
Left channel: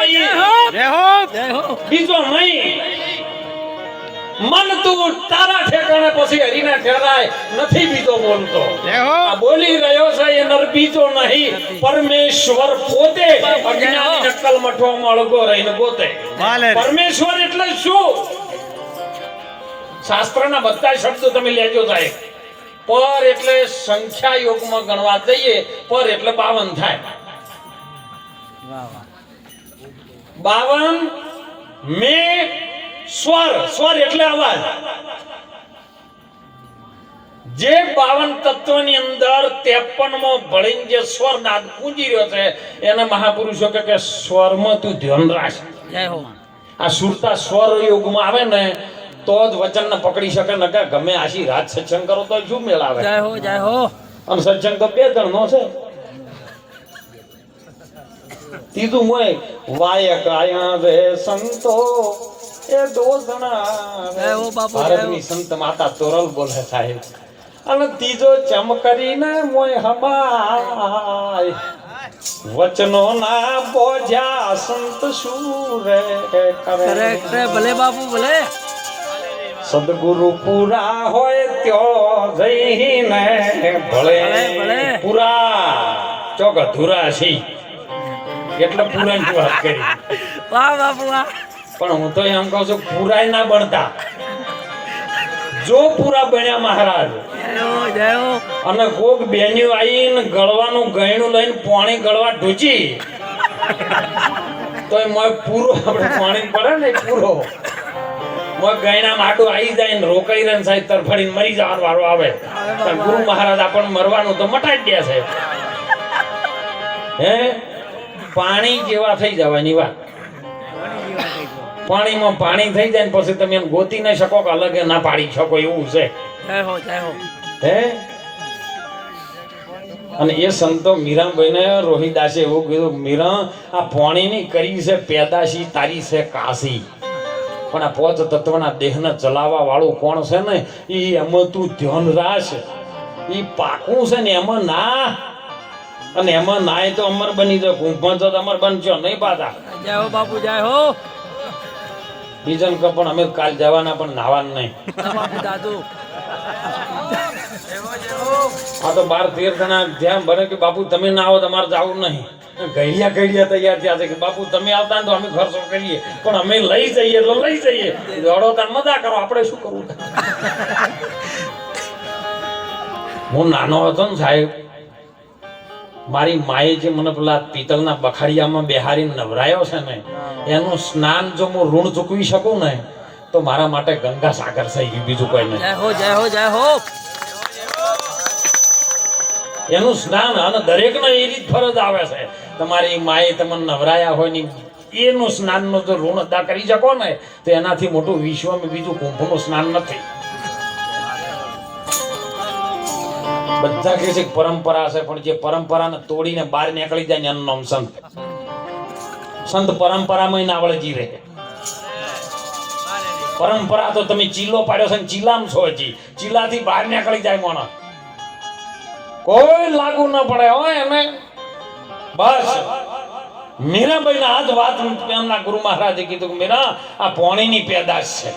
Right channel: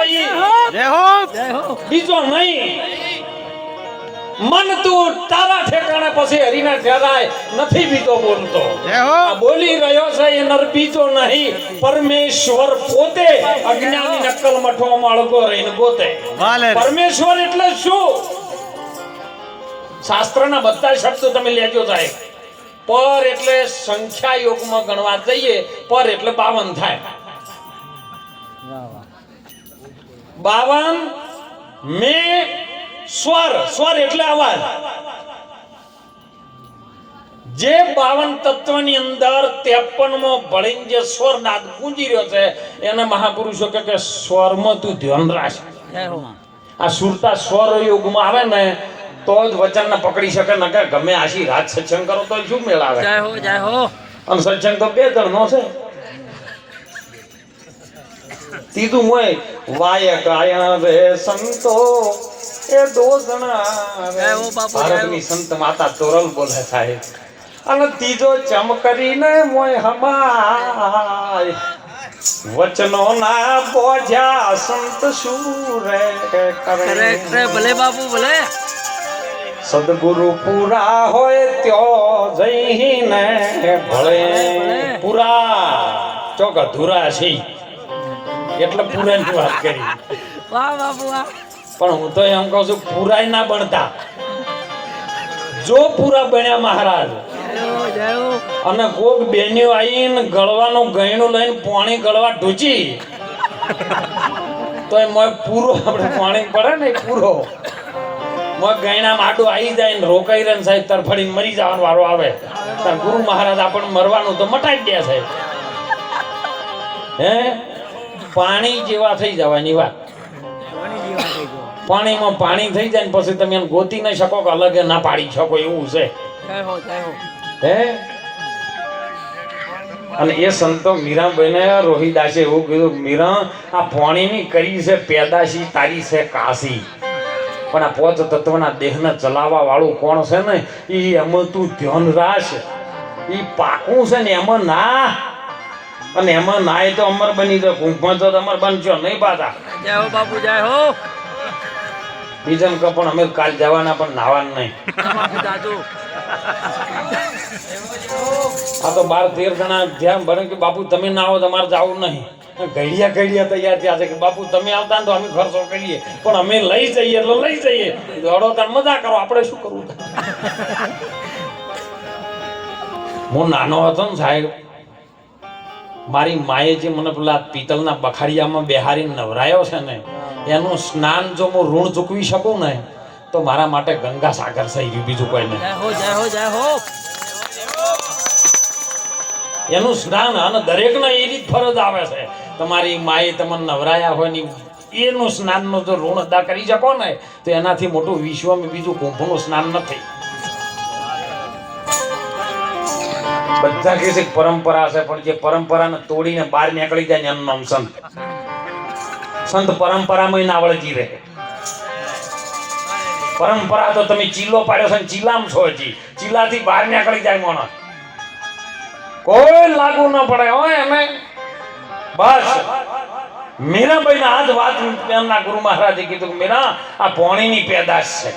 જય હો. બીજો નહીં. મન તું તારા ઠેકાણે પછી હરીના ઠેરાય નથી બીજો બોલતો. આ બોલી રહ્યો છે એ નર બીજો નહીં, પરમેશ્વર પોતે. અજ્ઞાની નકલ મઠવામાં અળગો રહીને ગોતે. પરમેશ્વર એટલે શું? શાસ્ત્રના બધા શબ્દો તમે લેજો સાહેબ. પર એટલે સંખ્યા યોગમાં ગણવા જઈએ પર એટલે 52 થાય. 52 મે સ્વર એટલે અવાજ. જે 52 તત્વની અંદર 53મો ભળીને જે સ્વર નાદ ગુંજી રહ્યો છે એને મહાપુરુષો કે સ્વરમાં તું ધ્યાન રાખ. જય હો. આ સુરતા સ્વર યોગમાં આવે ને તો જ વચનને પકડી શકે. ને કે ગમે આશી રાત સત્સંગ કરો તો શું મેળ આવે. જય હો. જય હો. અને સત્સંગ તો 2 જણનો છે. ત્રીજું હોય વાય કાયા વે સંતો એ 2 જણા. ભારતની સંત માતા તોરલ બોલે સાહેબ. અને ત્રીજો ચમ કરીને મોય હમાય વચનો ના બોધ્યા સંત સુરે કરે. ભલે બાપુ ભલે. સદગુરુ પૂરા હોય ત્યો જઈને ભળે. પૂરા ચોક અધૂરા છે એટલે પૂરાની વાત કરી. વાહ બાપુ વાહ. પણ હું તો એમ કહું છું પૂરાય ના બનતા. જો પૂરા બન્યા મહારાજ અને કોક બેન્યો આવીને ગળવાનું ગયણું લઈને પાણી ગળવા ઢૂચી તો એ પૂરો આપણે પાણી પડે ને પૂરો ગયણા માટું આવી જાય ને રોકાઈ રહે સાહેબ તરફડીને મરી જવાનો વારો આવે. ગુરુ મહારાજ આપણને મરવાનું તો મટાડી દે સાહેબ. હે પાણી જેવા થઈ જવાની વાત. પાણીમાં પાણી થઈ જાય ને પછી તમે એને ગોતી ના શકો કે અલગ ના પાડી શકો એવું છે. હે અને એ સંતો મીરાબાઈને રોહિદાસે એવું કીધું, મીરા આ પોણીની કરી છે પેદાશી, તારી છે કાશી, પણ આ પોચ તત્વના દેહને ચલાવવા વાળું કોણ છે ને એ એમાં તું ધ્યાન રાખ, એ પાકું છે ને એમાં ના, અને એમાં નાય તો અમર બની જાય, કુંભમાં તો અમર બનજો નહીં પાછા. જય હો બાપુ, જય હો બીજન કો પણ અમે કાલ જવાના, પણ નાવાનું નહીં. બાપુ દાદુ. આ તો 12-13 જણા ધ્યાન બને કે બાપુ તમે ના આવો તમારે જવું નહીં. ઘડિયા તૈયાર થયા છે કે બાપુ તમે આવતા ને તો અમે ખર્ચો કરીએ, પણ અમે લઈ જઈએ એટલે લઈ જઈએ. દોડો તાર મજા કરો, આપણે શું કરવું? હું નાનો હતો ને સાહેબ, મારી માએ જે મને પેલા પિત્તળના બખાડિયામાં બેહારીને નવરાયો છે ને, એનું સ્નાન જો હું ઋણ ચૂકવી શકું ને તો મારા માટે ગંગા સાગર થઈ ગયું, બીજું કોઈ નહીં. જય હો, જય હો, જય હો. એનું સ્નાન અને દરેકને એ રીત ફરજ આવે છે. તમારી માએ તમને નવરાયા હોય ને એનું સ્નાનનો જો ઋણ અદા કરી શકો ને તો એનાથી મોટું વિશ્વમાં બીજું કુંભનું સ્નાન નથી. બધા કહે છે કે પરંપરા છે, પણ જે પરંપરાને તોડીને બહાર નીકળી જાય ને એનું નામ સંત. સંત પરંપરામાં ના વળગી રહે. પરંપરા તો તમે ચીલો પાડ્યો છે, ચીલામ છો, હજી ચીલાથી બહાર નીકળી જાય માણસ, કોઈ લાગુ ન પડે હોય એને. બસ મીરાબાઈને આ જ વાત એમના ગુરુ મહારાજે કીધું કે મીરા આ પોણીની પેદાશ છે,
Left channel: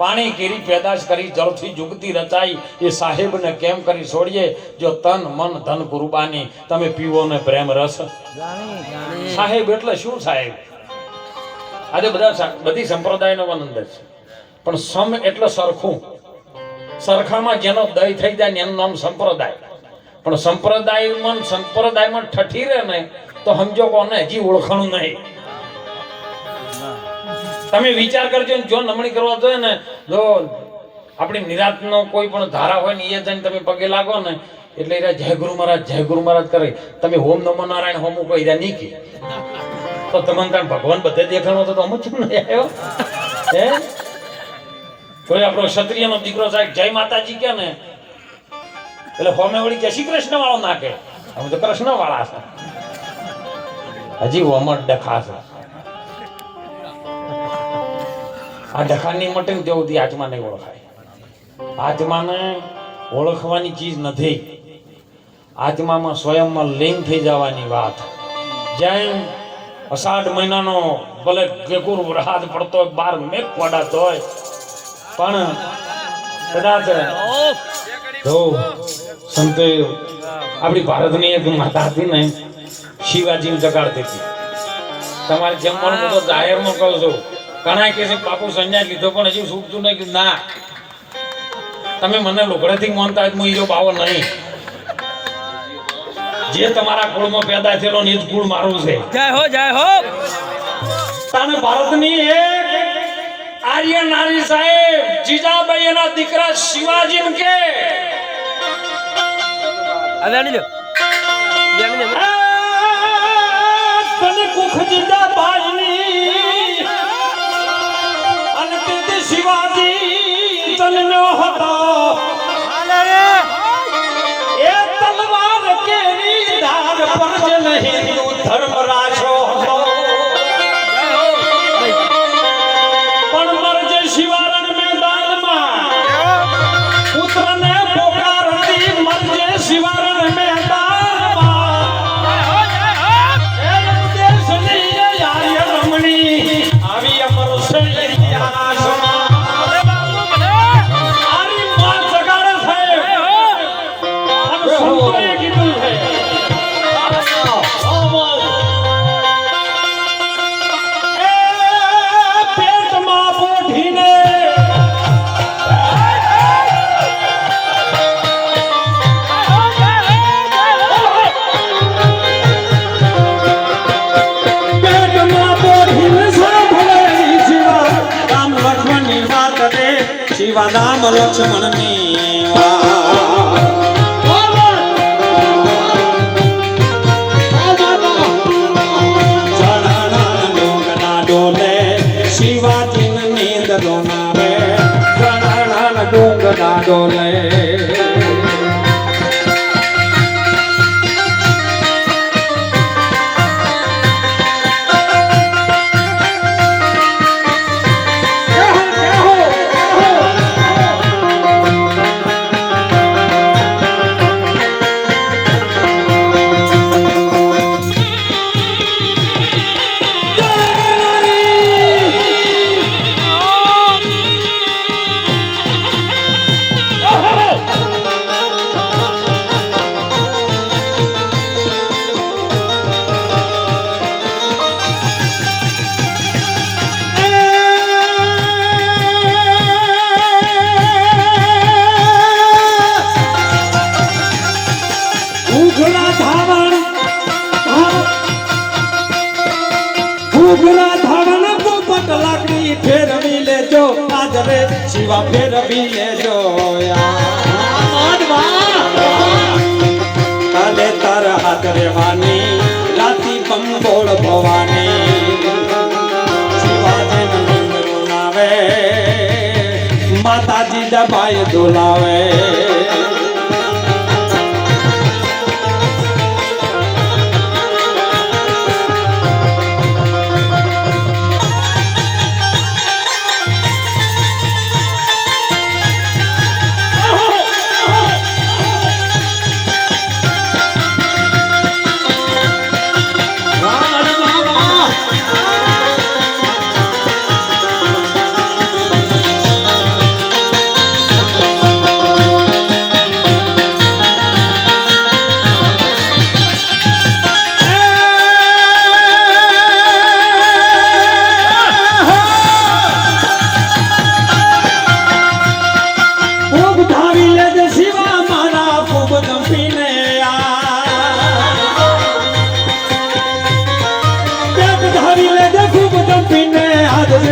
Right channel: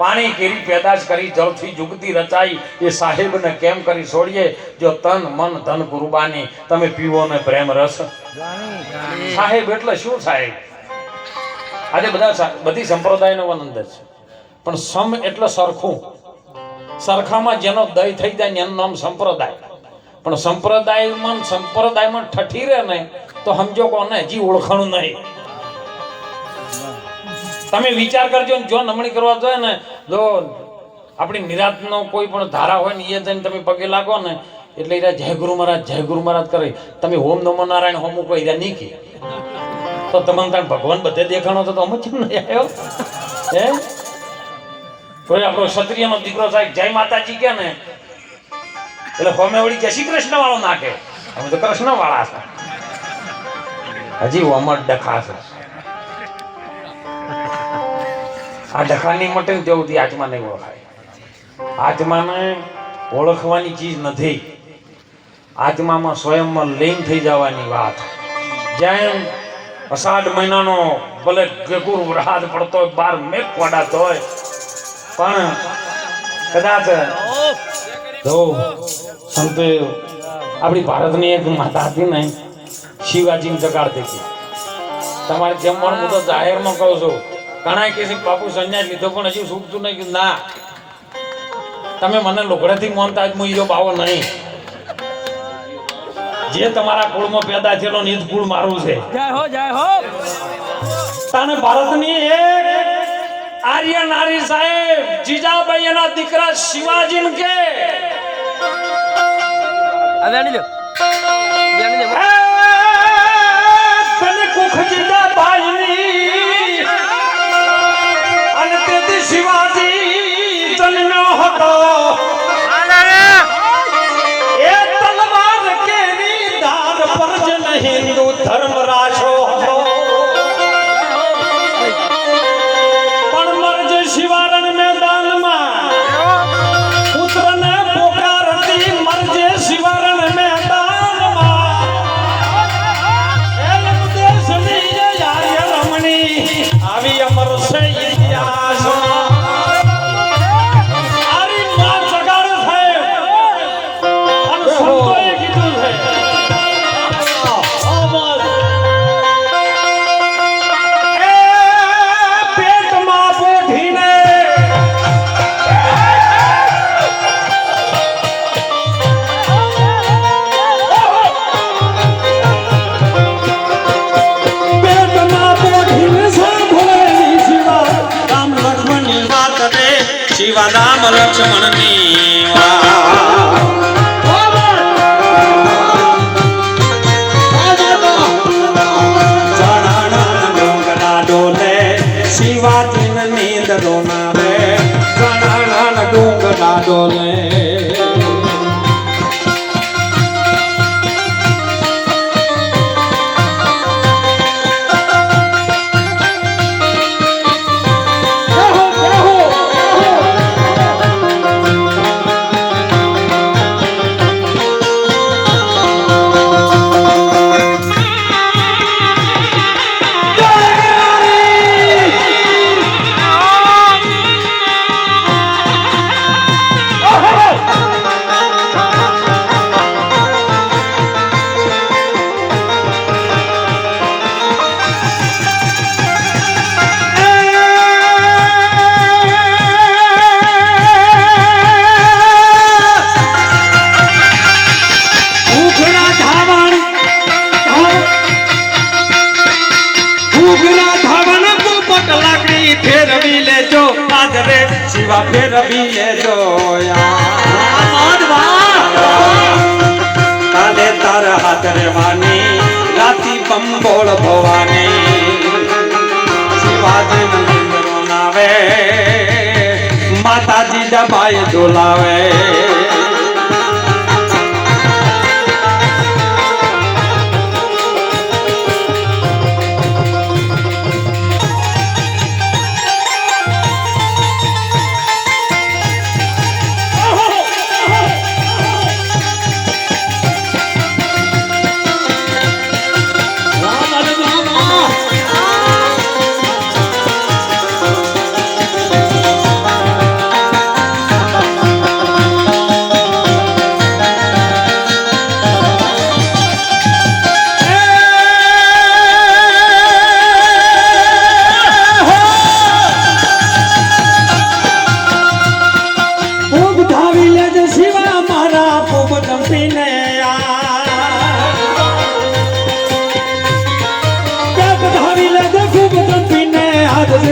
પાણી કેરી પેદાશ કરી જળથી જુગતી રચાઈ, એ સાહેબને કેમ કરી છોડીએ? જો તન મન ધન કુરબાની, તમે પીવો ને પ્રેમ રસ. સાહેબ એટલે શું સાહેબ? આજે બધી સંપ્રદાયનો આનંદ છે, પણ સમ એટલે સરખું, સરખામાં જેનો દય થઈ જાય ને એનું નામ સંપ્રદાય. પણ સંપ્રદાયમાં ઠઠી રહે ને તો સમજો કોને હજી ઓળખાણું નહીં. તમે વિચાર કરજો ને, જો નમણી કરવા જોઈએ ને, જો આપણી નિરાતનો કોઈ પણ ધારા હોય ને એ જઈને તમે પગે લાગો ને એટલે એ જય ગુરુ મહારાજ કરે. તમે ઓમ નમો નારાયણ હોમું કોઈ નહીં કે તો તમને કાંઈ ભગવાન બધે દેખાણો તો અમુક કેમ નહીં આવ્યો? હે કોઈ આપણો ક્ષત્રિયનો દીકરો સાહેબ જય માતાજી કે ને એટલે હોમે વળી જય શ્રી કૃષ્ણ વાળો નાખે. અમે તો કૃષ્ણ વાળા છે, હજી ઓમર ડખા છે. આ ડખાની માટે જેવું આત્મા નહીં ઓળખાય. આત્માને ઓળખવાની ચીજ નથી, આત્મામાં સ્વયંમાં લીન થઈ જવાની વાત. જેમ અષાઢ મહિનાનો ભલે ગગુર વરસાદ પડતો હોય, 12 મેઘ પડાતો હોય, પણ કદાચ જો સંતો આપણી ભારતની એક માતા હતી ને, શિવાજીને જગાડતી હતી. તમારે જમવાનું હું તો જાહેરમાં કહું છું, ઘણા કે છે બાપુ સંન્યાસ લીધો પણ હજી છૂટતું નહીં. ના, તમે મને લોગડેથી માનતા જ હું ઈજો બાવો નહીં. જે તમારા કુળમાં પેદા થયેલો ને એ જ કુળ મારું છે. જય હો, જય હો. તાને ભારતની એક આર્ય નારી સાહેબ જીજાબાઈ એના દીકરા શિવાજીને કે તને કુખ જીજાબાઈની અને તેથી શિવાજી ચલ્યો હતો. એ તલવાર કેરી ધાર પર જ હિન્દુ ધર્મ રાખ્યો હતો. પણ મરજે શિવારણ મેદાનમાં પુત્રને પોકારતી, મરજે શિવારણ મેદાનમાં એ દેશની આર્ય રમણી આવી અમર છે ઇતિહાસમાં. આરી માં જગાડે છે અને સંતોએ કીધું છે. પેટમાં પોઠીને શિવા રામ લક્ષ્મણની ડોલે શિવાજી નીંદ રોનાવે, ડોંગરા ડોલે. શિવા ફેરવી લેજો કાલે તાર હાથ રેવાની રાતી બંબોળ ભવાની શિવાજી નંદરો નાવે માતાજી દબાઈ ડોલાવે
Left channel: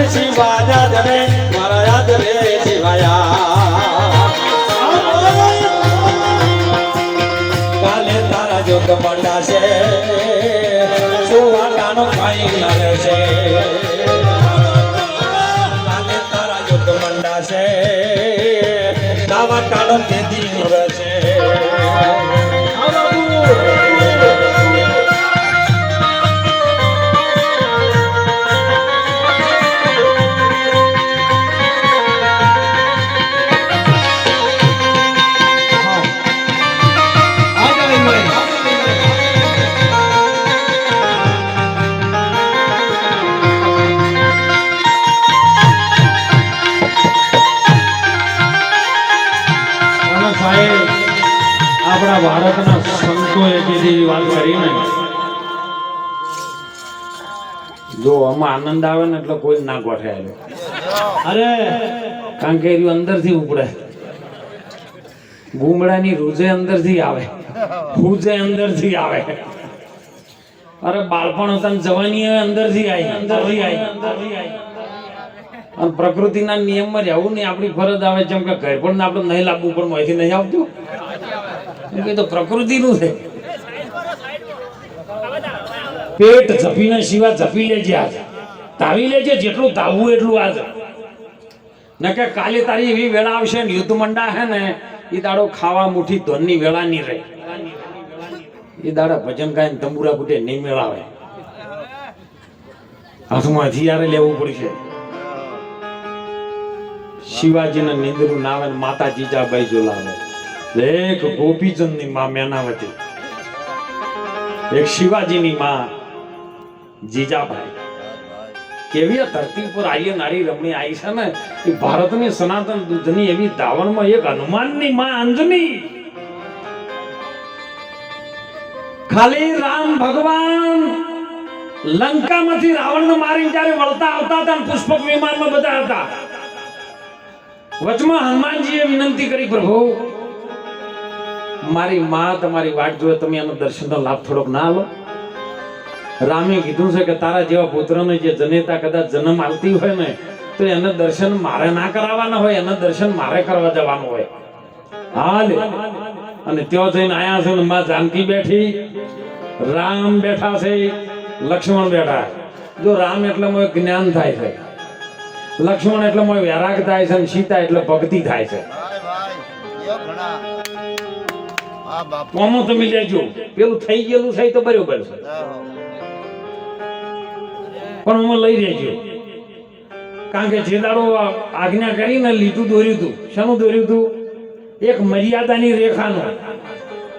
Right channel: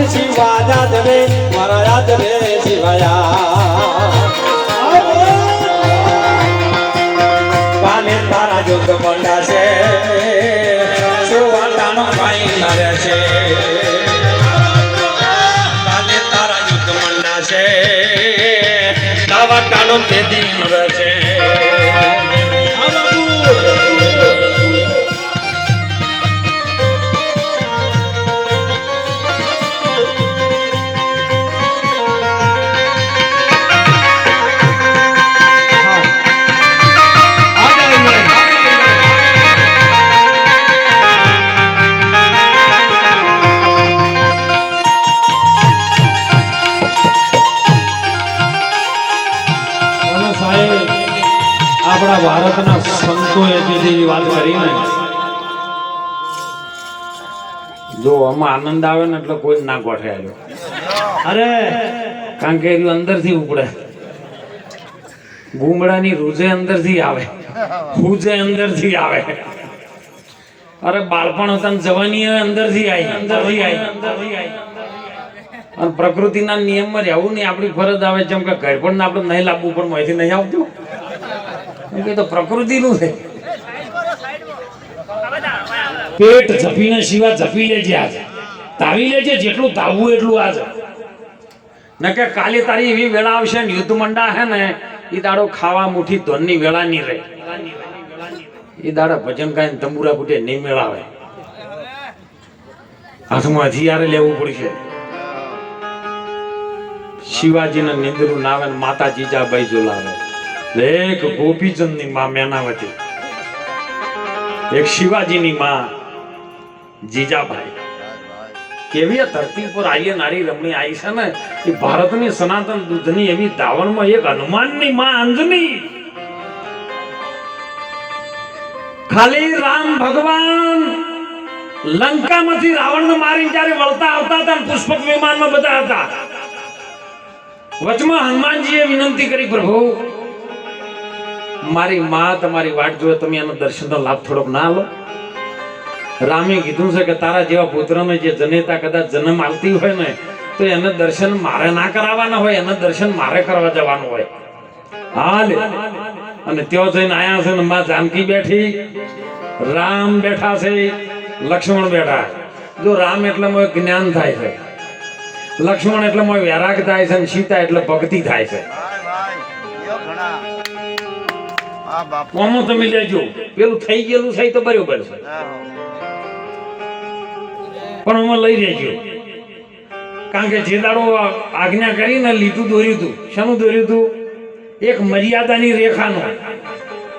શિવા યાદ રે મારા યાદ રે શિવાયા કાલે તારા જોત મંડા છે શિવાતાનો ખાઈ નરે છે કાલે તારા જોત મંડા છે દાવા કાનો તેદી નરે છે આપણા ભારતના સંતોએ કીધી વાત કરીને જો આમાં આનંદ આવે ને એટલે કોઈ ના ગોઠે આવ્યો અરે કારણ કે એનું અંદરથી ઉપડે ગુમડાની રૂજે અંદરથી આવે હુજે અંદરથી આવે અરે બાળપણ હતા ને જવાની અંદરથી આવી અને પ્રકૃતિના નિયમમાં રહેવું નહીં આપણી ફરજ આવે જેમ કે ઘર પણ આપણે નહીં લાવવું પણ માહિતી નહીં આવતું તો પ્રકૃતિનું છે પેટ ઝપીને શિવા ઝપી લેજે આજે તાવી લેજે જેટલું ધાવવું એટલું આજે ન કે કાલે તારી એવી વેળા આવશે ને યુદ્ધ મંડા હે ને એ દાડો ખાવા મુઠી ધનની વેળા નહીં રહે એ દાડા ભજન ગાયને તંબુરા બુટે નહીં મેળાવે હાથમાં હથિયારે લેવું પડશે શિવાજીના નિંદરું નાવે માતા જીજાબાઈ જોલાવે એક ગોપીચંદ ની માં મેનાવતી એક શિવાજીની માં જીજાબાઈ કેવી ધરતી પર આઈએ નારી રમણી આવી છે ને એ ભારતની સનાતન દૂધની એવી ધાવણમાં એક હનુમાનની માં અંજની ખાલી રામ ભગવાન લંકામાંથી રાવણને મારી જ્યારે વળતા આવતા હતા પુષ્પક વિમાનમાં બધા હતા વચમાં હનુમાનજીએ વિનંતી કરી પ્રભુ મારી માં તમારી વાટ જોવે તમે એનો દર્શનનો લાભ થોડોક ના લો રામે કીધું છે કે તારા જેવા પુત્રને જે જનેતા કદાચ જન્મ આવતી હોય ને તો એને દર્શન મારે ના કરાવવાના હોય એને દર્શન મારે કરવા જવાનું હોય હાલ અને ત્યાં જઈને આયા છે ને માં જાનકી બેઠી રામ બેઠા છે લક્ષ્મણ બેઠા જો રામ એટલે મોય જ્ઞાન થાય છે લક્ષ્મણ એટલે મોય વૈરાગ થાય છે અને સીતા એટલે ભક્તિ થાય છે આમાં તમે લેજો પેલું થઈ ગયેલું છે તો બરોબર છે પણ અમે લઈ રહેજો કારણ કે જે દાડો આજ્ઞા કરીને લીધું દોર્યું હતું શાનું દોર્યું હતું એક મર્યાદાની રેખાનું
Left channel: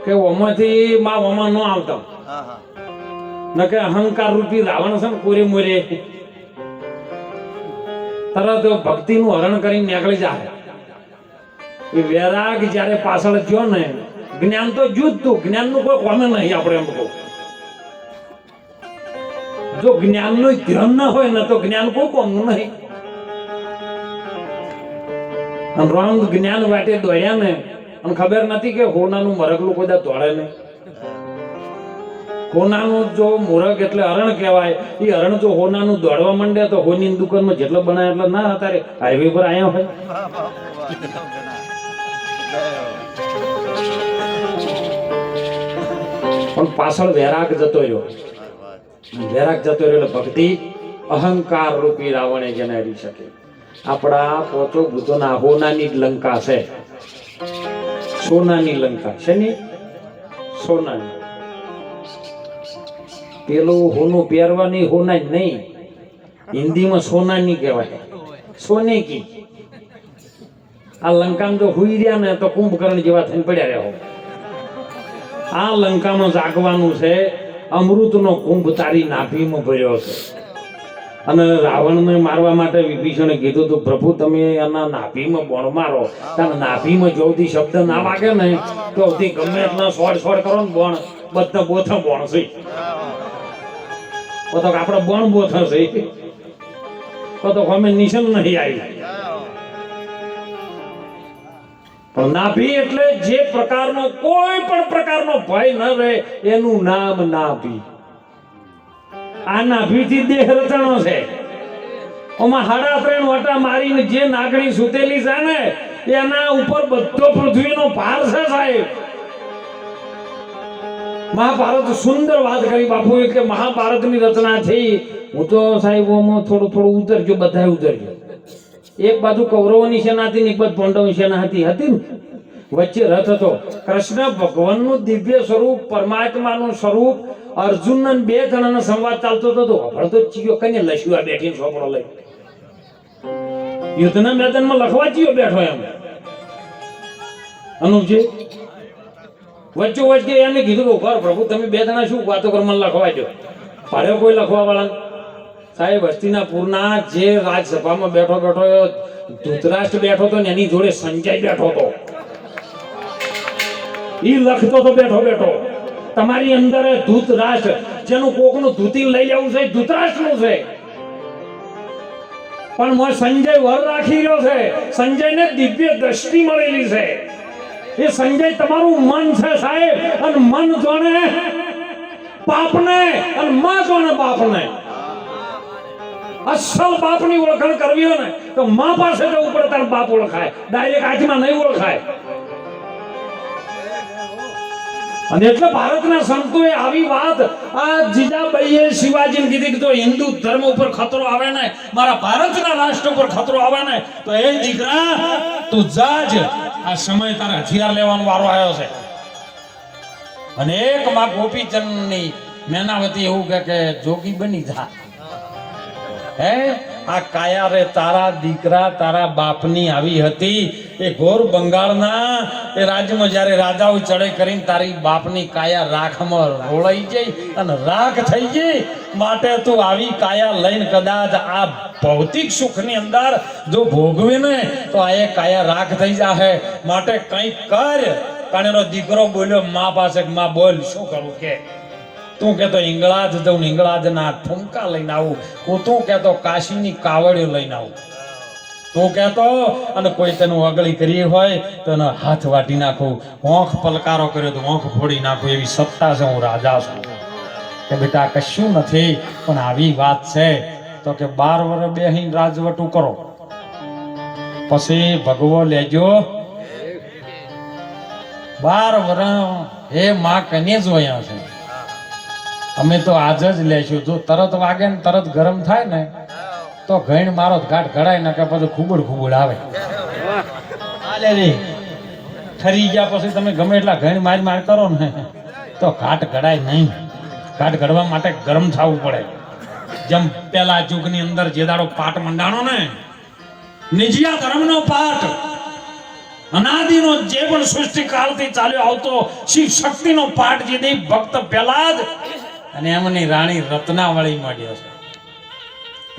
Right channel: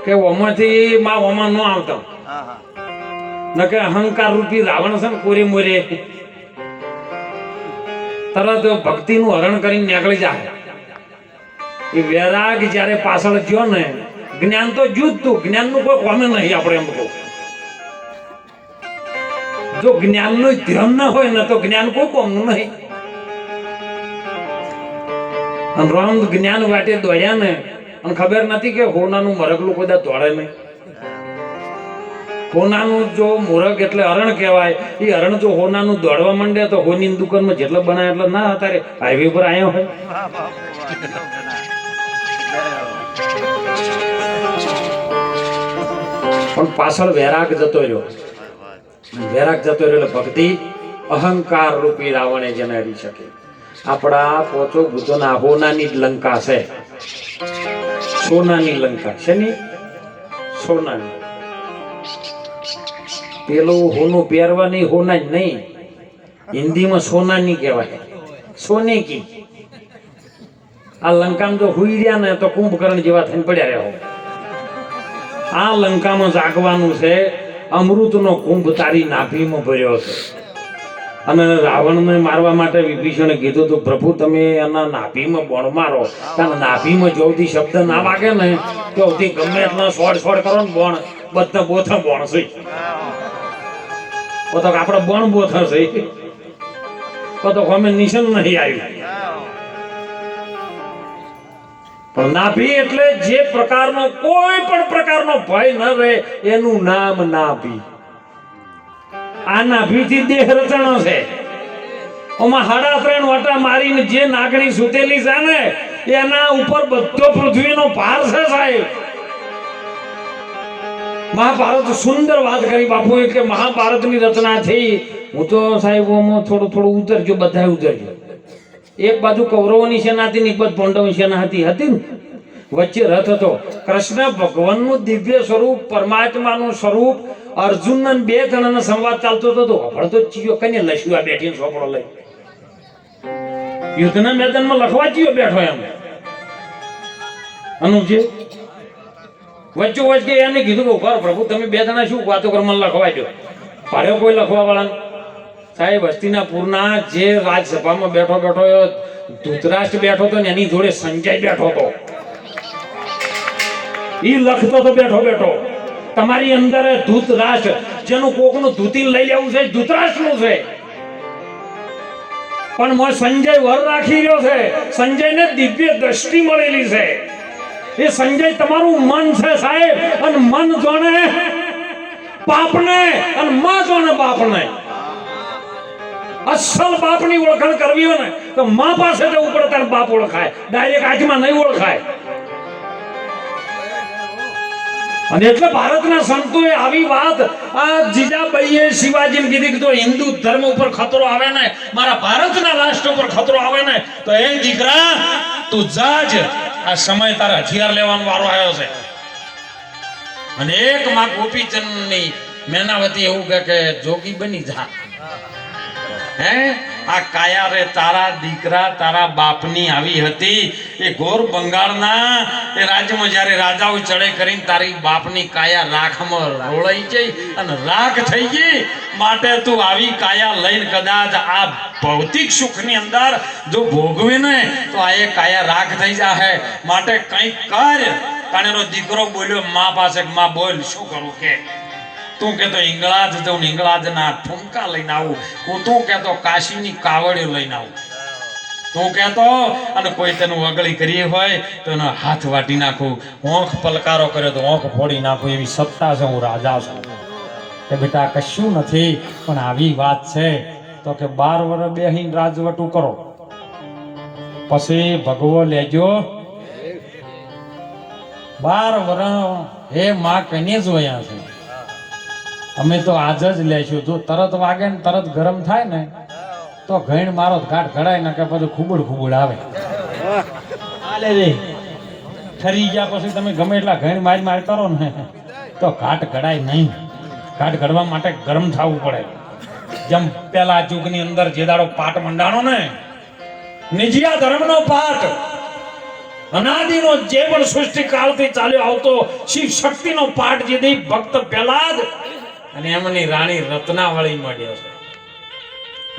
કે ઓમાંથી માં ઓમાં ન આવતા ન કે અહંકાર રૂપી રાવણ છે ને કોરે મોરે તરત ભક્તિનું હરણ કરીને નીકળી જાય એ વૈરાગ જ્યારે પાછળ ગયો ને જ્ઞાન તો જુદતું જ્ઞાનનું કોઈ કોમે નહીં આપણે એમ કહું જો જ્ઞાનનું ધ્યાન ના હોય ને તો જ્ઞાન કોઈ કોમનું નહીં રામ જ્ઞાન વાટે દોડ્યા ને અને ખબર નથી કે હોનાનું મરગલું કોઈ દોડે નહીં હોનાનું જો મુરગ એટલે હરણ કહેવાય. એ હરણ જો હોનાનું દોડવા માંડે તો હોની દુકાનમાં જેટલા બનાવે એટલે ના અત્યારે હાઈવે પર આવ્યો હોય. પણ પાછળ વૈરાગ જતો રહ્યો. વૈરાગ જતો રહ્યો એટલે ભક્તિ અહંકાર રૂપી રાવણે જેને હરી શકે. આપણા પોચો ભૂતોના હોનાની જ લંકા છે. સોનાની લંકા છે ની સોનાની. પેલું હોનું પહેરવાની હોના જ નહીં, હિન્દીમાં સોનાની કહેવાય, સોને કી. આ લંકામાં જો હુઈ રહ્યા ને તો કુંભકર્ણ જેવા થઈને પડ્યા રહ્યો. આ લંકામાં જાગવાનું છે. અમૃતનો કુંભ તારી નાભીમાં ભર્યો છે. અને રાવણને મારવા માટે વિભીષણે કીધું હતું, પ્રભુ તમે એના નાભીમાં બોણ મારો. કારણ નાભીમાં જોથી શબ્દ ના વાગે ને તો ગમે એટલા સોડ કરો ને બોણ બધા બોથા બોણ છે. તો આપણે બોણ બોથા છે તો અમે નિશાન નહીં આવ્યું. પણ નાભી એટલે જે પ્રકારનો કોઈ પણ પ્રકારનો ભય ન રહે એનું નામ નાભી. આ નાભીથી દેહ રચણો છે. ઓમાં 3.5 વાટા મારીને જે નાગણી સુતેલી છે ને એના ઉપર બધો પૃથ્વીનો ભાર છે સાહેબ. મહાભારત સુંદર વાત કરી બાપુએ કે મહાભારતની રચના થઈ. હું તો સાહેબ થોડું ઉતરજો, બધા ઉતરજો. એક બાજુ કૌરવોની સેના હતી ને એક બાજુ પાંડવોની સેના હતી ને વચ્ચે રથ હતો. કૃષ્ણ ભગવાનનું દિવ્ય સ્વરૂપ, પરમાત્માનું સ્વરૂપ, અર્જુન ને 2 જણાનો સંવાદ ચાલતો હતો. હળતો ચીયો કને લસ્યુઆ બેઠીને સોપડો લઈ યુદ્ધના મેદાનમાં લખવા ચીયો બેઠો એમ અનુજી વચ્ચે એને કીધું કે ઉભા પ્રભુ તમે 2 જણા શું વાતો કરો, મને લખવા દો. પાડ્યો કોઈ લખવા વાળા સાહેબ. હસ્તિનાપુરના જે રાજસભામાં બેઠો ધૃતરાષ્ટ્ર બેઠો હતો ને એની જોડે સંજય બેઠો હતો. ઈ લખતો તો બેઠો. તમારી અંદર ધૃતરાષ્ટ્ર જેનું કોકનું ધૂતી લઈ લેવું છે ધૃતરાષ્ટ્રનું છે. પણ મો સંજય વર રાખી રહ્યો છે. સંજયને દિવ્ય દ્રષ્ટિ મળેલી છે. એ સંજય તમારું મન છે સાહેબ. અને મન જોણે પાપને અને માં જોણે બાપને. અસલ બાપની ઓળખાણ કરવી હોય ને તો માં પાસે જવું પડે તાર બાપ ઓળખાય. ડાયરેક્ટ આંખમાં નહીં ઓળખાય. અને એટલે ભારતના સંતોએ આવી વાત આ જીજાબાઈએ શિવાજીને કીધી કે તો હિન્દુ ધર્મ ઉપર ખતરો આવે ને, મારા ભારતના રાષ્ટ્ર ઉપર ખતરો આવે ને તો એ દીકરા તું જાજ. આ સમય તારા હથિયાર લેવાનો વારો આવ્યો છે. અને એક માં ગોપીચંદની મેનાવતી એવું કે જોગી બની જા. હે આ કાયા રે તારા દીકરા તારા બાપની આવી હતી. એ ઘોર બંગાળના એ રાજ્યમાં જ્યારે રાજાઓ ચડે કરીને તારી બાપની કાયા રાખમાં રોળાઈ જઈ અને રાખ થઈ ગઈ. માટે તું આવી કાયા લઈને કદાચ આ ભૌતિક સુખની અંદર જો ભોગવે ને તો આ એ કાયા રાખ થઈ જાહે. માટે કંઈક કર. કારણ એનો દીકરો બોલ્યો મા પાસે, માં બોલ શું કરું કે તું કહેતો હિંગળાજ જઉં, હિંગળાજના ઠુમકા લઈને આવું. તું કહેતો કાશીની કાવડીઓ લઈને આવું. તું કહેતો અને કોઈ તેનું અગળી કરી હોય તો એનો હાથ વાટી નાખું. ઓંખ પલકારો કર્યો તો ઓંખ ફોડી નાખું. એવી સત્તા છે, હું રાજા છું. કે બેટા કશું નથી, પણ આવી વાત છે તો કે 12 વર્ષ બેહીને રાજવટું કરો પછી ભગવો લેજો. 12 વર્ષ હે માં કને જોયા છે. અમે તો આજ જ લેશું. જો તરત વાગે ને તરત ગરમ થાય ને તો ઘણ મારો ઘાટ ઘડાય ને કે પછી ખૂબડ આવે. ઠરી ગયા પછી તમે ગમે એટલા ઘણ માર કરો ને તો ઘાટ ઘડાય નહીં. ઘાટ ઘડવા માટે ગરમ થવું પડે. જેમ પેલા યુગની અંદર જે દાડો પાટ મંડાણો ને નિજિયા ધર્મનો પાટ અનાદિનો જે પણ સૃષ્ટિ કાળથી ચાલ્યો આવતો શિવ શક્તિનો પાઠ જે દે ભક્ત પહેલા જ અને એમની રાણી રત્નાવળી મળ્યો છે.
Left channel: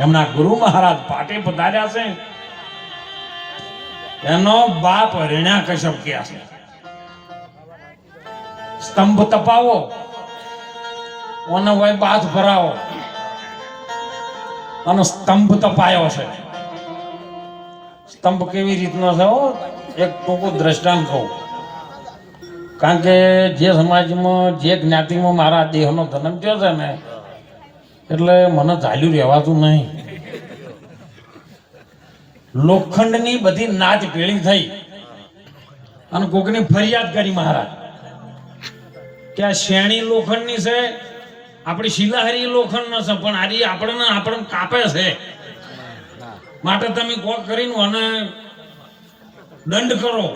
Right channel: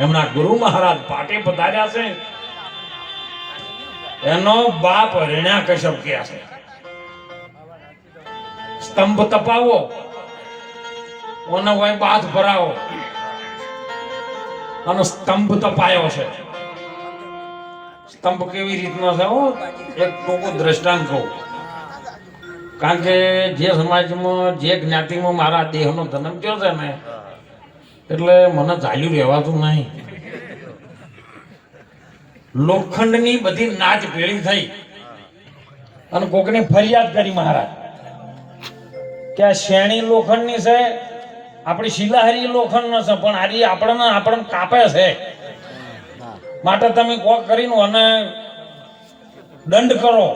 એમના ગુરુ મહારાજ પાટે પધાર્યા છે. એનો બાપ હિરણ્યકશ્યપ કહે છે સ્તંભ તપાવો ઓનો હોય બાથ ભરાવો અને સ્તંભ તપાયો છે. સ્તંભ કેવી રીતનો છે એક ટૂંકું દ્રષ્ટાંત કહું. કારણ કે જે સમાજમાં જે જ્ઞાતિમાં મારા દેહનો જન્મ થયો છે ને એટલે મને ચાલ્યું રહેવાતું નહીં. લોખંડની બધી નાચ ભેળી થઈ અને કોકને ફરિયાદ કરી મહારાજ કે આ શેણી લોખંડની છે, આપણી શિલાહારી લોખંડ છે, પણ આજે આપણને કાપે છે, માટે તમે કોક કરીને અને દંડ કરો.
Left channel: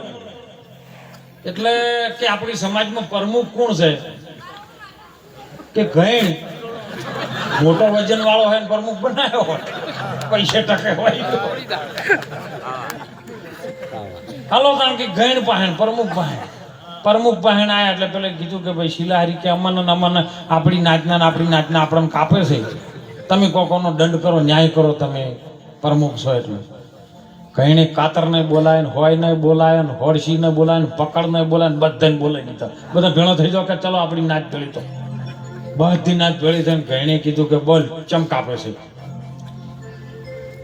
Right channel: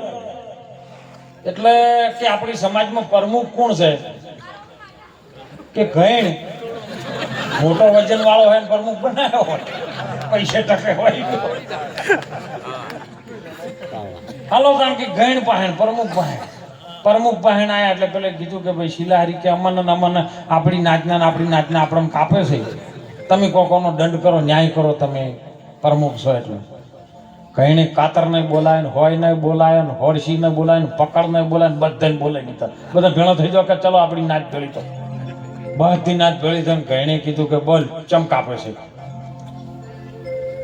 એટલે કે આપણી સમાજમાં પ્રમુખ કોણ છે કે ગઈણ મોટો વજન વાળો હોય ને પ્રમુખ બનાવ્યો હોય, પૈસે ટકે હોય. હાલો કારણ કે ગઈણ પહેણ પ્રમુખ પહેણ આયા એટલે પેલે કીધું કે ભાઈ શિલાહારી કે અમને આપણી નાચના આપણને કાપે છે, તમે કોકોનો દંડ કરો, ન્યાય કરો, તમે પ્રમુખ છો. એટલે કઈને કાતર ને બોલાય, હોય ને બોલાય, હોડસી ને બોલાય, પકડ ને બોલાય, બધાને બોલાવી દીધા. બધા ભેળો થઈ જાવ કે ચલો આપણી નાચ ભેળી. તો બધી નાચ ભેળી થઈને કઈને કીધું કે બોલ ચમ કાપે છે.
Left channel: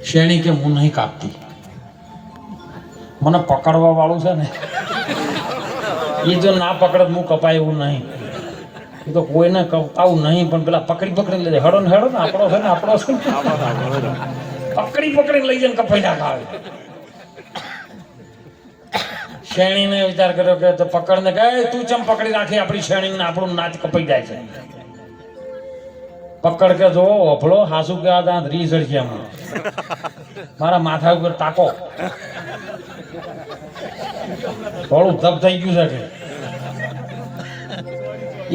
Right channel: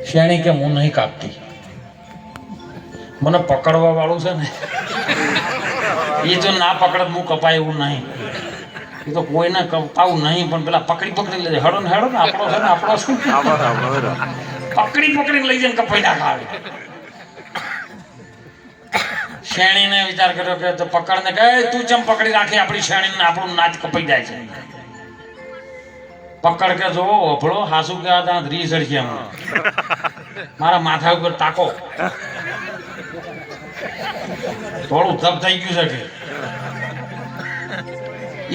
શેણી કે હું નહીં કાપતી, મને પકડવા વાળું છે ને એ જો ના પકડે હું કપાય એવું નહીં. એ તો કોઈને કપાવું નહીં, પણ પેલા પકડી લઈ જાય. હેડો ને આપણો છે ને પકડીને લઈ જાય કપાઈ નાખાવે. શેણીને વિચાર કર્યો કે તો પકડને કહે તું ચમ પકડી રાખી આપણી શેણીને, આપણું નાચ કપાઈ જાય છે. પકડ કે જો અભળો હાસુ કે આ દાંત રીસડ છે, મારા માથા ઉપર તાકો, થોડું ધબ થઈ ગયું છે કે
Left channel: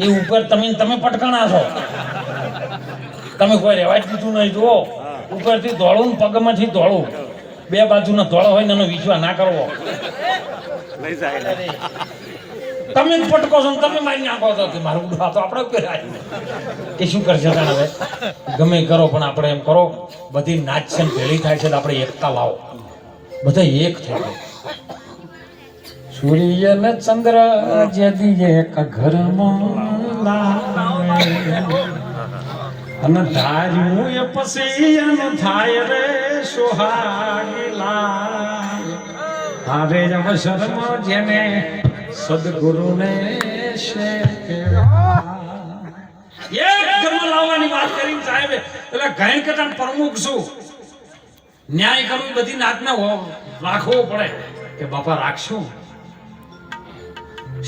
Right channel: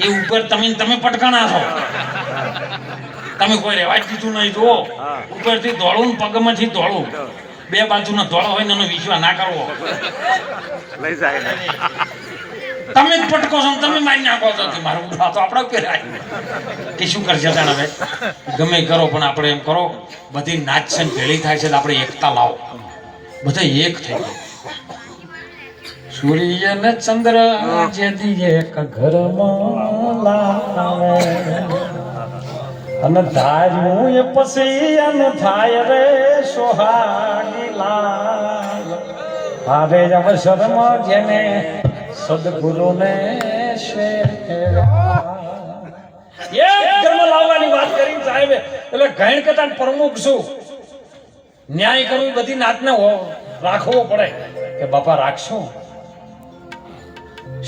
એ ઉપર તમે પટકાણા છો, તમે કોઈ રેવા જ દીધું નહીં. જુઓ ઉપરથી દોડું, પગમાંથી દોડું, બે બાજુનો ધોળો હોય ને એનો વિશ્વાસ ના કરવો. લઈ જાય તમે જ પટકો છો, તમે મારી નાખો છો કે મારું ઉઠા તો આપણા ઉપર કે શું કરશે હવે ગમે કરો, પણ આપણે એમ કરો બધી નાચ છે ભેળી થાય છે, આપણે એકતા લાવો, બધા એક થઈ જાય. સૂર્ય ને ચંદ્ર જેથી એક ઘરમાં લાવે અને ધાર્યું એ પછી અન થાય રે સોહાગી લાલ. હારે અવસરમાં જેને સદગુરુને એક ધર્મ લાવવાની વાત કરી સાહેબ. એટલે ઘણ કથા પ્રમુખ છું, ન્યાય કરવું, બધી નાચને રાખવો પડે કે બાપા રાખશું.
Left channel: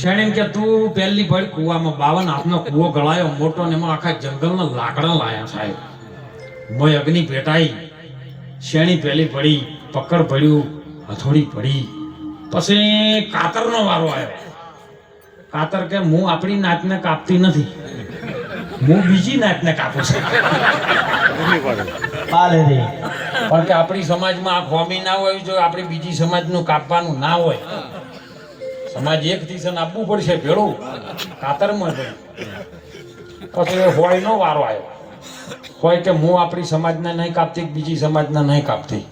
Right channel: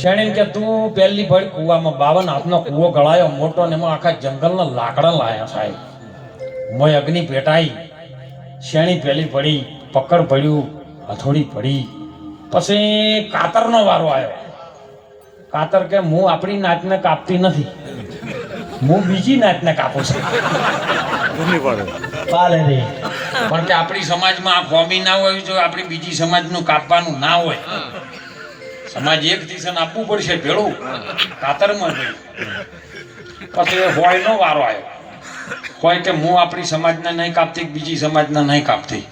શેણી કે તું પહેલી ભળ કુવામાં 52 હાથનો કુવો ગળાયો મોટો ને એમાં આખા જંગલના લાકડા લાયા સાહેબ. મોય અગ્નિ પેટાઈ, શેણી પહેલી પડી, પકડ પડ્યું, હથોડી પડી, પછી કાતરનો વારો આવ્યો. કાતર કે હું આપણી નાચને કાપતી નથી, હું બીજી નાચને કાપું છું. પણ કે આપણી સમાજમાં આ ફોમી ના હોય, જો આપણી બીજી સમાજનું કાપવાનું ના હોય, સમાજ એક દિશા આપવું પડશે ભેળું કાતરમાં ગઈ. પછી હોય નો વારો આવ્યો, હોય કે હું આપણી સમાજને નહીં કાપતી, બીજી સમાજને નહીં કાપતી,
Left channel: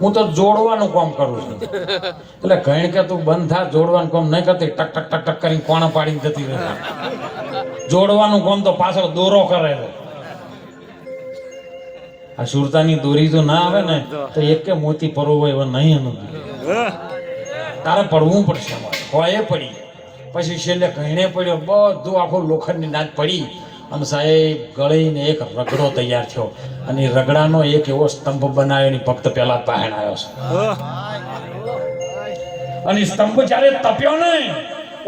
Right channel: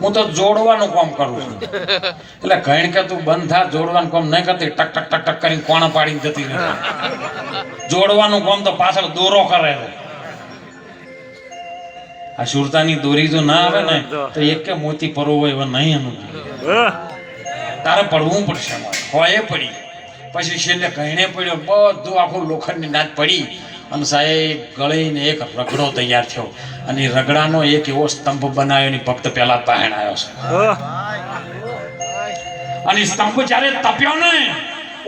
હું તો જોડવાનું કામ કરું છું. એટલે ઘણ કે તું બંધ થા, જોડવાનું કામ નહીં કરતી, ટક ટક ટક ટક કરીને કોણા પાડીને જતી રહે. જોડવાનું કામ તો પાછળ દોરો કરે. આ સુરતાની દોરી જો ના આવે ને તો એક કે મોતી પરોવો એવા નહીં અનુભવ, તારે પડવું પડશે. હોય પડી, પછી છેલ્લે ઘણે પડ્યો, બધું આખું લોખંડની નાચ પડી અને સાહેબ ગળીને એક રગડો તૈયાર થયો. અને રગડાનો એક એવો સ્તંભ બનાવ્યો ની ભક્ત પહેલા પહેણ આવ્યો છે. અને સ્તંભ જ્યારે તપ્યો ને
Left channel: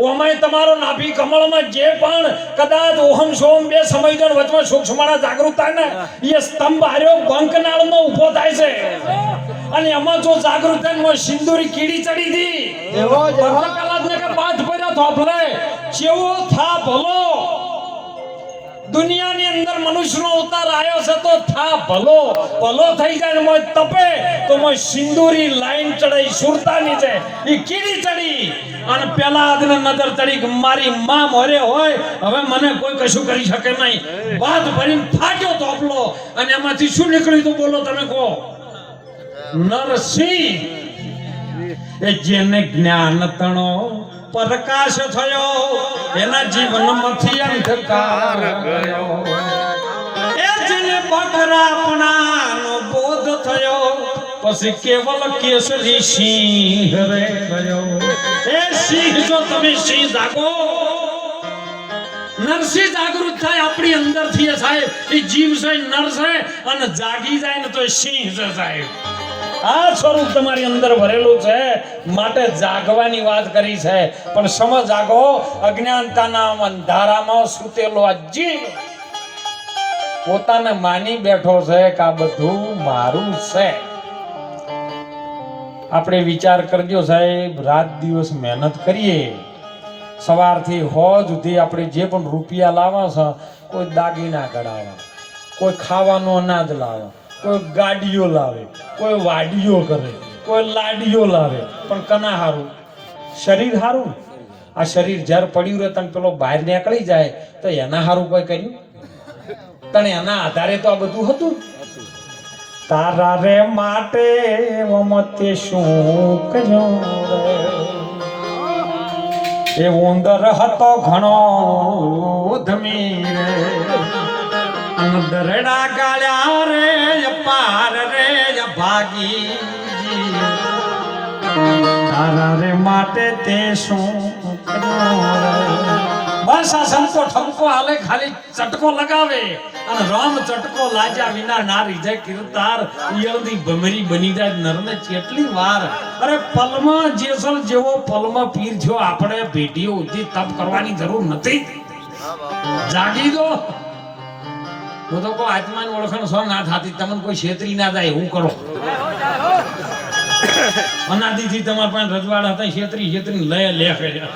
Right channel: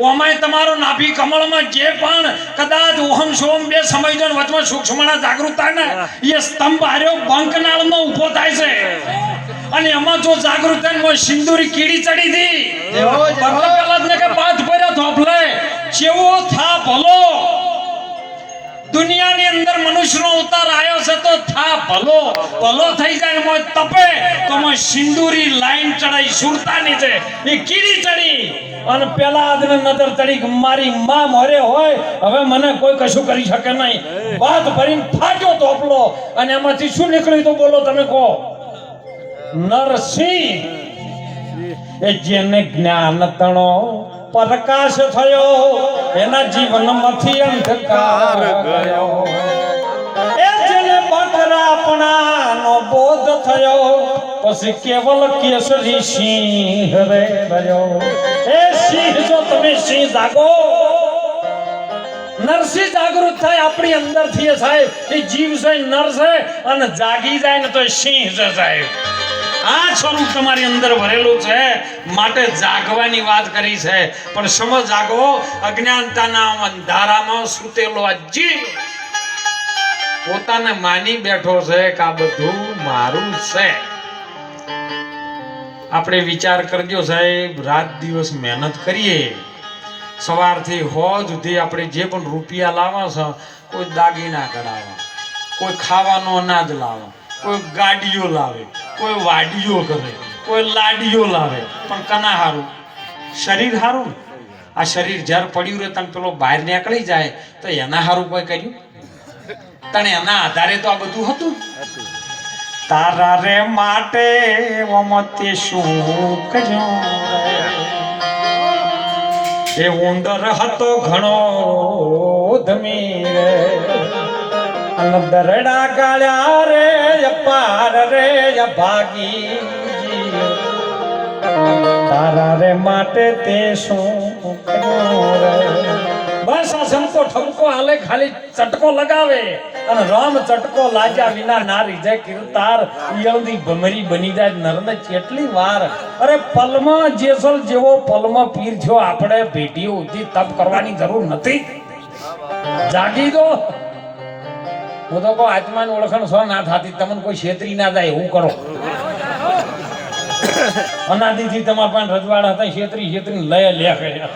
ઓમાય તમારો નાભી કમળમાં જે પણ કદાચ ઓહમ સોમ બે સમયનો વચમાં સૂક્ષ્મના જાગૃતતા ને એ સ્તંભ હાર્યો બંકનાળનો ઊભો થાય છે. અને એમાં જો જાગૃતતા સિંદૂરી કીડી ચડી હતી, પેલા જ કે પાથ ભર્યા થોપલે જેવો થા ભલો. દુનિયાની અંદર મનુષ્યનો અવતાર આવ્યો છે તો થા ભલો થઈ જાય. મોય તપે તો મોય સિંદૂરી લાઈન ચડાઈ સુરતાની છે એ કીડી ચડી અને પેલા આદને નજર ચડી મારી માં મરે હોય, હવે મને કોઈ કશું કરી શકે નહીં. વાત ભરીને થાક્યો તોપલો અને એમાંથી શું નીકળ્યું તો બોલો તમે કહો. નરસિંહ એ જેને જ્ઞાન તણો પ્રકાશ થયો, એના જીવનમાંથી અંધકાર ગયો. એ જેને બકરાપણાનો બોધ થયો, પછી કેવલ કેસરી સિંહ રે ગયો. એ સિંહ જો તમે સિંહ જાગો, નરસિંહ જાગૃત થાય આપણી અંદરથી સાહેબ. એ જીવ છે નર છે અને જાગી જાય ને તો એ સિંહ છે સાહેબ. આ સ્વરૂપ તમારી અંદર ભરેલું છે માટે જાગવાની વાત કરી છે. પણ સમજ જાગો, અજ્ઞાનતાના અંધારામાં સૂતેલો આ જીવ પોતાને માની બેઠો છે કે આ બધું મારું છે. આપણે વિચાર કરજો સાહેબ, રાત દિવસ મહેનત કરીએ, સવારથી હોજ સુધી આપણે જે પણ રૂપિયા લાવો છો, કોઈ દાગીના કરાવે, કોઈ ખાવાનું અનાજ લાવે, કોઈ ગાડીઓ લાવે, કોઈ વાડીઓ કરે, કોઈ લાડીઓ લાવે, પણ કના હારું? શરીર હારું. આ શરીર જ્યારે પડ્યું રહે તને પેલો બહાર નીકળી જાય તો એના હારું કોઈ કર્યું? તને એના આધારે તો આ બધું હતું. તારા રે માટે મમતે શું કર્યો રે, એ ઉંદર હતો ઘણો ધમી રે, અને દરડા ગાળ્યા રે અપાર રે ભાગી, તારા રે માટે તે શું કર્યો રે. બસ આ સંકો ઠપકો હાલે, ખાલી ચટકો લગાવે અને રામ ચટકો લાગ્યા વિના ના રીજે કીર્તાર ઈયળની ભમરી બની જાય નરને કેટલી વાર. અરે પલમાં જેસલ જેવો પલમાં પીર થયો, આપણે ભેટીઓ ઉધી તપ કરવાની જરૂર નથી. જાગી દો. હું તો કહું આત્માની ઓળખાણ સો ના થાતી, તમને કોઈ છેતરી ના જાય એવું કરો. અનાદિથી તમારા પાસે રજવાડા હતા, છેતરી લય લે કર્યા.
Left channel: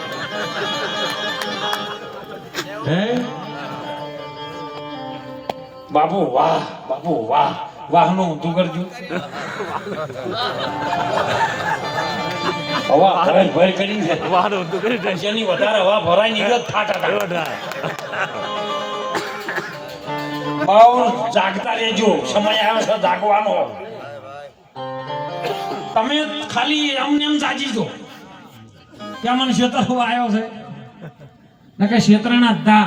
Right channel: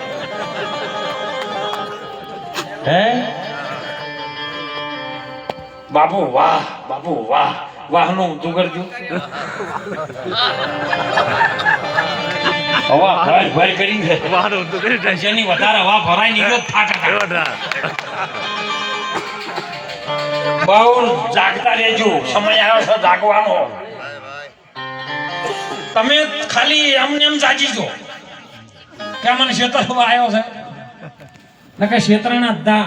હે બાપુ વાહ, બાપુ વાહ, વાહ નું ઊંધું કરજો. હવા ભર કરી છે, વાહ નું ઊંધું કરી, જેની વધારે હવા ભરાય ની વાત ફાટા. બાઉલ જાગતા રહેજો, સમય આવ્યો છે જાગવાનો. તમે ખાલી એમ જાગી જો કે મને ક્ષેત્ર આવ્યો છે ને કે ક્ષેત્રના દા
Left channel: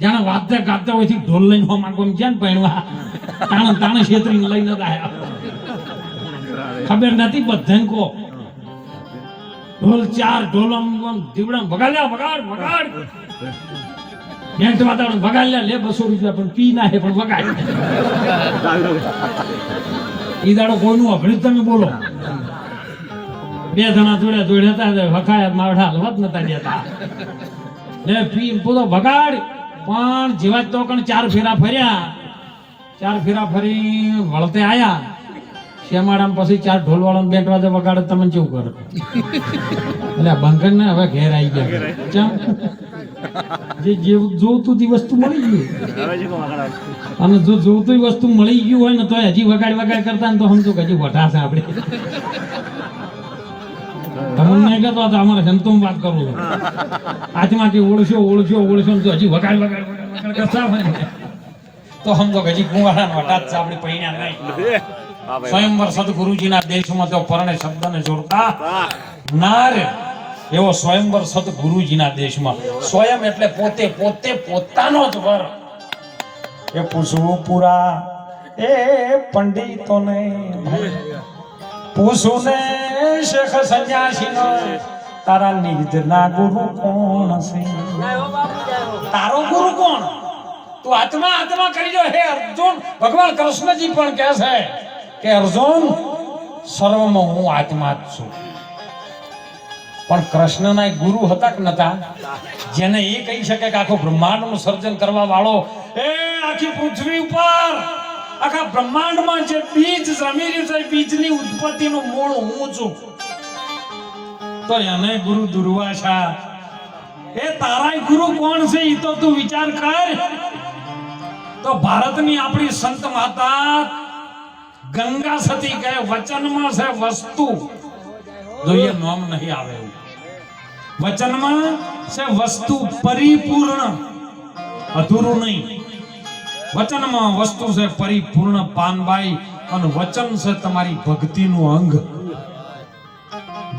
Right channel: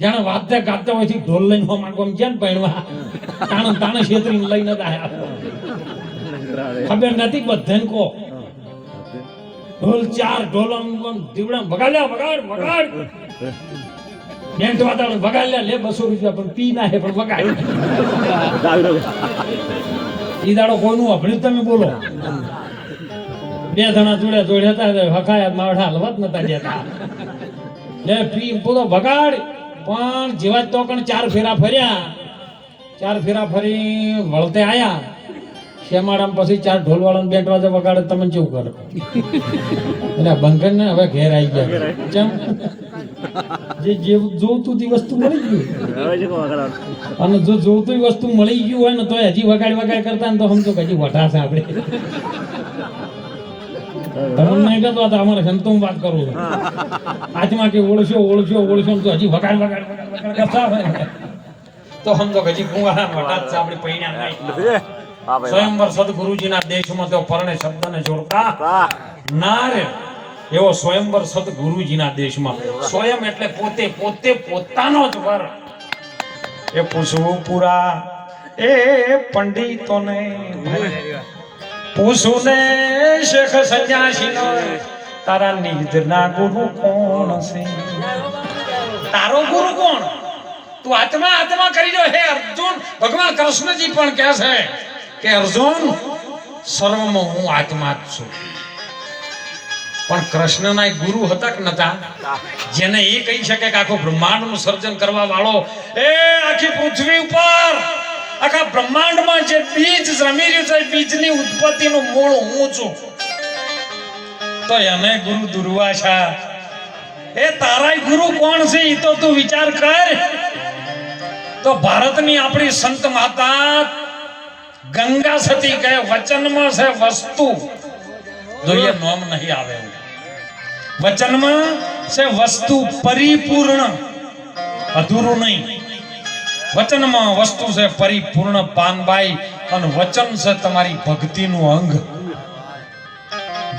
જાણે વાદ્ય ગાતા હોય થી ઢોલ લઈને હો માંગો છે ને પૈણવા તાણે ક્ષેત્રી લઈને આયા. ખબર નથી બધાને કો ઢોલ ચાર ઢોલ દીવડા વગાડ્યા, વગાડ બેંટ વાતાવરણ વગાડ્યા, લે 200 રૂપિયા પણ પી ના હે પણ વગાડ. ઈ દાડો કોઈનું અભળ્યું તમે બોલો? બે જણા જોડ્યા હતા, હકાયા માવડા હલવત નતા દેતા. લે પી પૂરો વગાડ. પણ જેવા તો કણ 4 ફેરા ફર્યા, 4 ફેરા ફરી વળતે આયા શેમાડામ, પછી 4 ઢોલ વાળાને બેંટ વાજે વગાડે, તમને કેવું કરે? એટલે બંકર ને હવે ઘેર આવી ગયા. જે જોતું તી વસ્તુ મળી ગયું, અને જો જોતું વસ્તુ મળી ગયું હોય ને તો હજી વગાડ કરતા ને તો સમજો કે હજી વઢાશે આપણે. તમને નહીં કહેતો હતો, અમારે સંતો વાત કરું આજમાંથી ઓળશો તો હજી વગાડ કરતા હોય તો સમજો કે હજી કુંવારા વઢાત છે આપણી પૈણ્યા નહીં. સ્વયંવર સદગુરુજીના દેશમાં તો પરણે શબ્દને જોડતા ના રે એવો સ્વયંવર સદગુરુજીના દેશમાં. સ્વયં એટલે પોતે પોતાનો જ વર. એ પૂછવું પૂરા એ પંડિતોને, પૂછું ને શેખ સંન્યાસીનો, તારા નિજના ગુરુ કોણ છે? તારો ગુરુ કોણ? તું આત્મા કરી જો. હે અર્જુન, ભગવાન કૃષ્ણજી પણ કહે છે કે અર્જુન સર્વમાં હું આત્મા જ છું. પણ કૃષ્ણના ગુરુ હતા કે નતા? જેને એ કહી શકે કે આખો બ્રહ્માંડનું સર્જન કરવા વાળો, એ આખી પૃથ્વી ઉપર આખા બ્રહ્માંડમાં જે બીજ જમી રહ્યું છે, બીજની ઉત્પત્તિનું મૂળ હું છું. તો એને ગુરુ દુર્વાસા. એ તારાય ગુરુ કોણ છે એ તો તું વિચાર કર. તો ભારતની આપણી સંત માતા ગંગા સતી કહે વચનમાં છે વસ્તુ, જોઈએ નામ નહીં આવે. વચનમાં છે વસ્તુ પરિપૂર્ણ, અધૂરું નહીં. વચનમાં વસ્તુ છે પરિપૂર્ણ પાનબાઈ, અને વચન છે તમારી ભક્તિનું અંગ.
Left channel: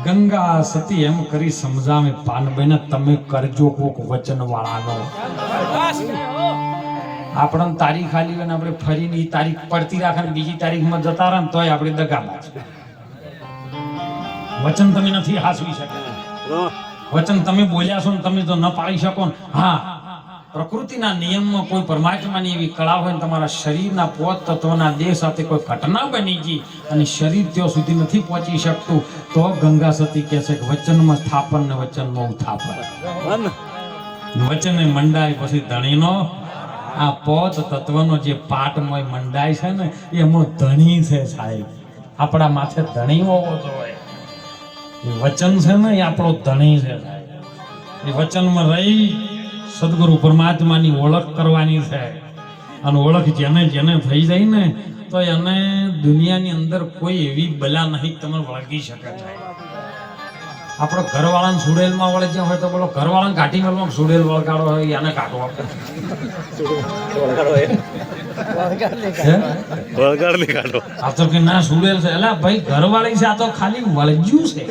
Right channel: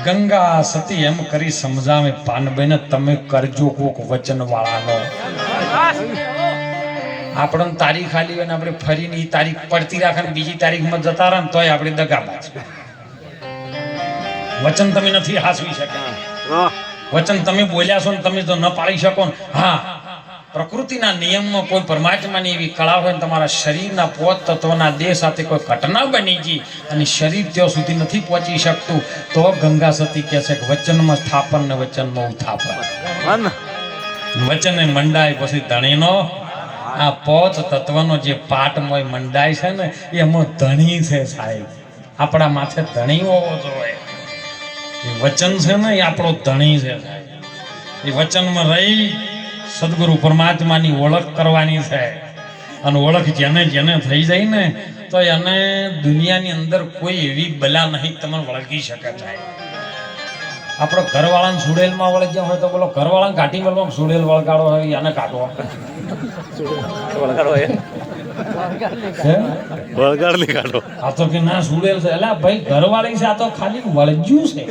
ગંગા સતી એમ કરી સમજાવે પાનબાઈને, તમે કરજો કોક વચન વાળાનો. આપણને તારીખ આલી હોય ને આપણે ફરીને એ તારીખ પડતી રાખે ને બીજી તારીખમાં જતા રહે ને તોય આપણે દગાબાજ. વચન તમે નથી હાસવી શકતા. વચન તમે બોલ્યા છો ને તમે જો ન પાળી શકો ને, હા પ્રકૃતિના નિયમમાં કોઈ પરમાત્માની એવી કળા હોય ને તમારા શરીરના પોત તત્વના દેહ સાથે કોઈ ઘટના બની ગઈ અને શરીર ત્યાં સુધી નથી પહોંચી શકતું, તો ગંગા સતી કહે છે કે વચનમાં સ્થાપન ને વચનમાં ઉત્થાપન. વચને મંડાય પછી ધણીનો આ પોત તત્વનો જે પાટમય મંડાય છે ને એમાં ધણી છે સાહેબ. આપણા માથે ધણી હોવો જોઈએ. એ વચન છે ને એ આપણો ધણી છે સાહેબ. એ વચનમાં રહી સદગુરુ પરમાત્માની ઓળખ કરવાની છે. અને ઓળખ જેને જેને થઈ જાય ને તો એને દુનિયાની અંદર કોઈ એવી બલા નહીં તમને વળગી શકે સાહેબ. આપણો ઘરવાળાને સુડેલમાં વળગ્યા હોય તો બોલો ઘરવાળાને ઘાટી મેળવામાં સુડેલ વળગાડો હોય એને કાઢવો. વળગાડ નહીં કાઢો. આ તો કે ના સુડેલ છે એટલે ભાઈ ઘરવાળી છે આ તો ખાલી વળગ્યું છે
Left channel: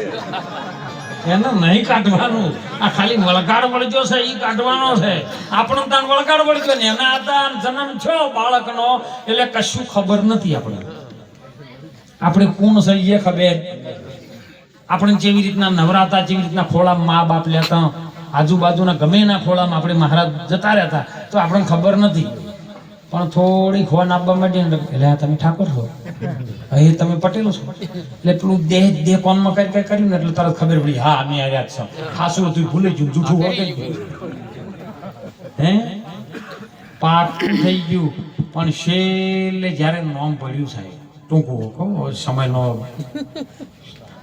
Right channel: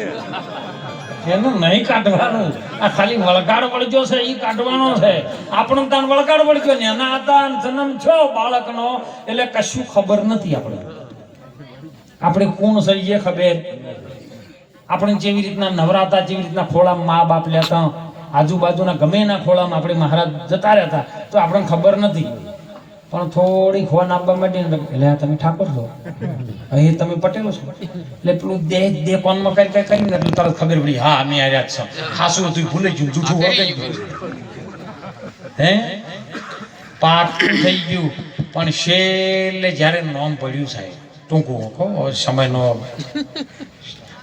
એને નહીં કાઢવાનું. આ ખાલી વળગાડ વળગ્યો છે એ કાઢવાનો છે. આપણને ત્યાં વળગાડ વળગ્યો ને એના હતા જન્મ છો બાળકનો એટલે કશું ખબર નથી. આપણે કોણ છે એ ખબર. આપણે જેવી રીતના નવરાતા જેવી રીતના ખોળામાં મા બાપ લેતા આજુબાજુના ગમે એના ખોળામાં આપણે મહારાજ જતા રહેતા તો આપણને ખબર નથી. પણ થોડી ખોન આપવા માંડી ને એટલે તમે ઠાકોર છો, અહીં તમે પટેલો છો એટલે પેલું દેહ કોનમાં કઈ કઈ કરીને એટલે તરત ખબર પડી હા અમે આ રહ્યા છો. ખાસું હતું ભૂલી ગયું, જૂઠું વળગાઈ ગયું. હે પાકું થઈ ગયું. પણ છેલ્લે જ્યારે નોમ પડ્યું સાહેબ ટૂંકું કહો સમયનો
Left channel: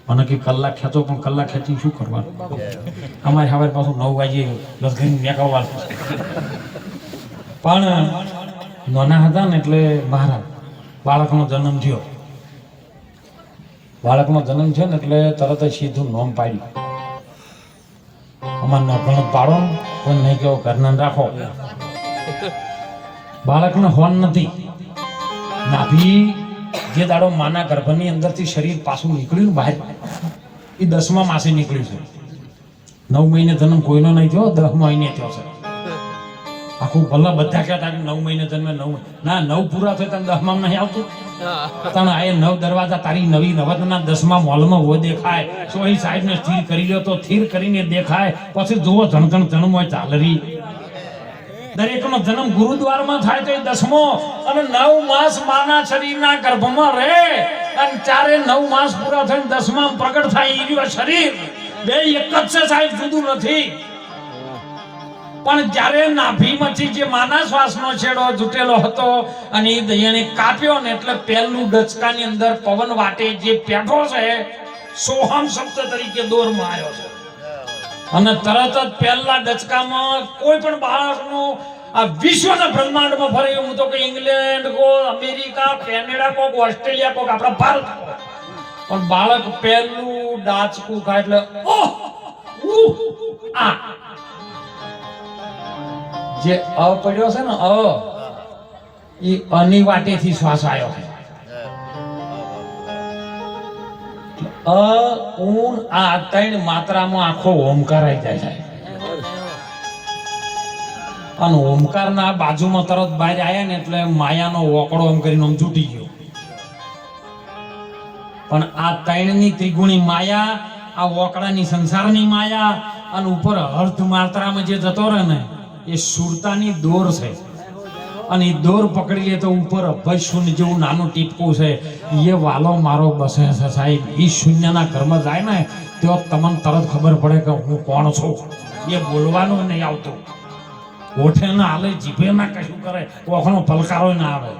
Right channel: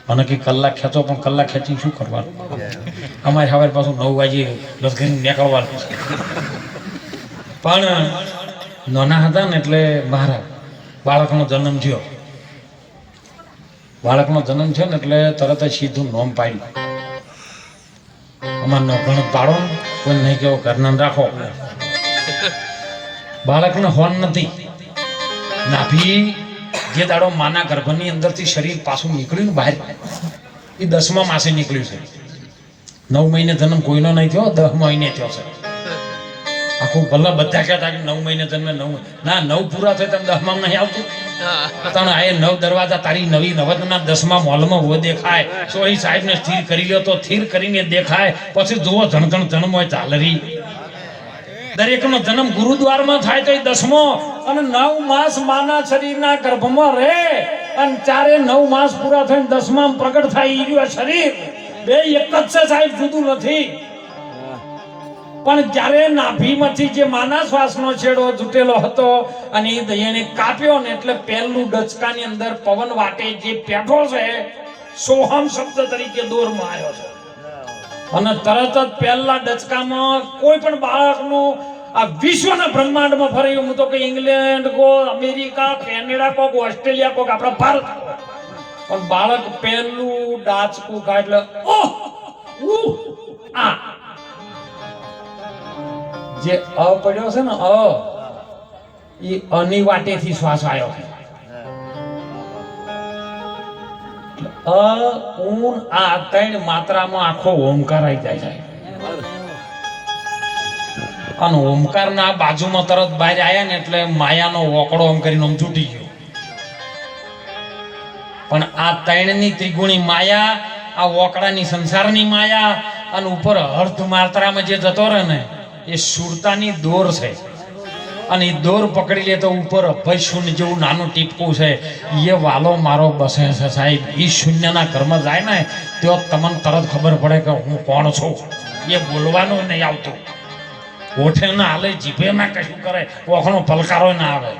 મને કે કલાક ખેંચો પણ કલાક ખેંચી શું કરવાનું. અમારે હવે પાછું 9 વાગે લસગીને નીકળવાનું. પણ નાના હતા ને એટલે મારા બાળકનો જન્મ થયો. બાળકનો જન્મ થયો ને એટલે તરત જ સીધું નોમ પાડ્યું. અમારનો ગણત પાડો ને કોઈ નહીં કેવો ઘરના રાખો. બાળકને હોન નથી. નાભી જે દાડો માના ગર્ભની અંદરથી શરીર પાછું નીકળ્યું ને બહાર એ 10મા માસે નીકળ્યું છે. 9 મહિને જન્મ કોઈનો નહીં થયો, 10 મહિને થયો છે. આખું ભલે બધા કહેતા કે 9 મહિને જન્મે 9 પૂરા થાય તમે 10માં નહીં આવતું. તને આ 9 દરવાજા તારી નવી નવદના 10મા મોલમાં વો દેખાય. સોળી સાહેબને સ્થિર કરી લ્યો તો સ્થિર કરીને દેખાય. પછી જુઓ ધણધણ જન્મોય ચાલરી. દરેકનો જન્મ ગુરુદ્વારમાં થાય તો એ 10મો અને 9 માસ માના શરીરના ગર્ભમાં રહે અને 9 માસ પૂરા થઈને 10માં પ્રગટ થાય એ રહ્યું શરીર. બે એક જ છે સાહેબ, જુદું નથી. પણ જ્યારે નાભીમાંથી જે માના શ્વાસનો છેડો જુટેલો હતો અને એ દયાને કાપ્યો ને એટલે પહેલું ડચકાની અંદર પવન વાટે જે પેઠો છે સોહમ શબ્દ તરીકે દોરમાં આવ્યો છે. અને તરત જ પહેલા ડચકામાં કોઈ પણ બાળકનું આ વિશ્વના બ્રહ્માંડમાં ફરે હું તો કે ઇંગ્લેન્ડ કો અમેરિકા કેનેડા કો ઓસ્ટ્રેલિયા કો આપણા ભારત કો પણ બાળક પહેલું ડાચકું ખાય એટલે આ જે અ પડ્યો છે ને એ અની વાટેથી શ્વાસ આવ્યો છે. આ 3 માત્રામાં આખો ઓમકાર આવી જાય છે. અને ઓમકારના બાજુમાં તરત બહાર આવ્યા ને એટલે માયાનો વોકડો ઓમ કરીને આમ છૂટી ગયો. પણ આ 3ની ત્રિગુણી માયા, આ વોકડાની સંસારની માયા અને ઉપર અર્ધ માત્રામાં જે જતો રહે ને એ સુરતાની દોર છે. અને એ દોર પકડી લે તો ઉપર અભય શૂન્ય જેવું નાનું ટીપકું છે. એ વાલો મારો બસે છે સાહેબ. એ શૂન્યના ઘરમાં જાય ને તો તમને તરત ખબર પડે કે હું કોણ છું. એ બોલવાનું નહીં આવતું, ઓઠે ના હાલે, જીભે ના કશું કરે, ઓખણો પલકારો ના આવે.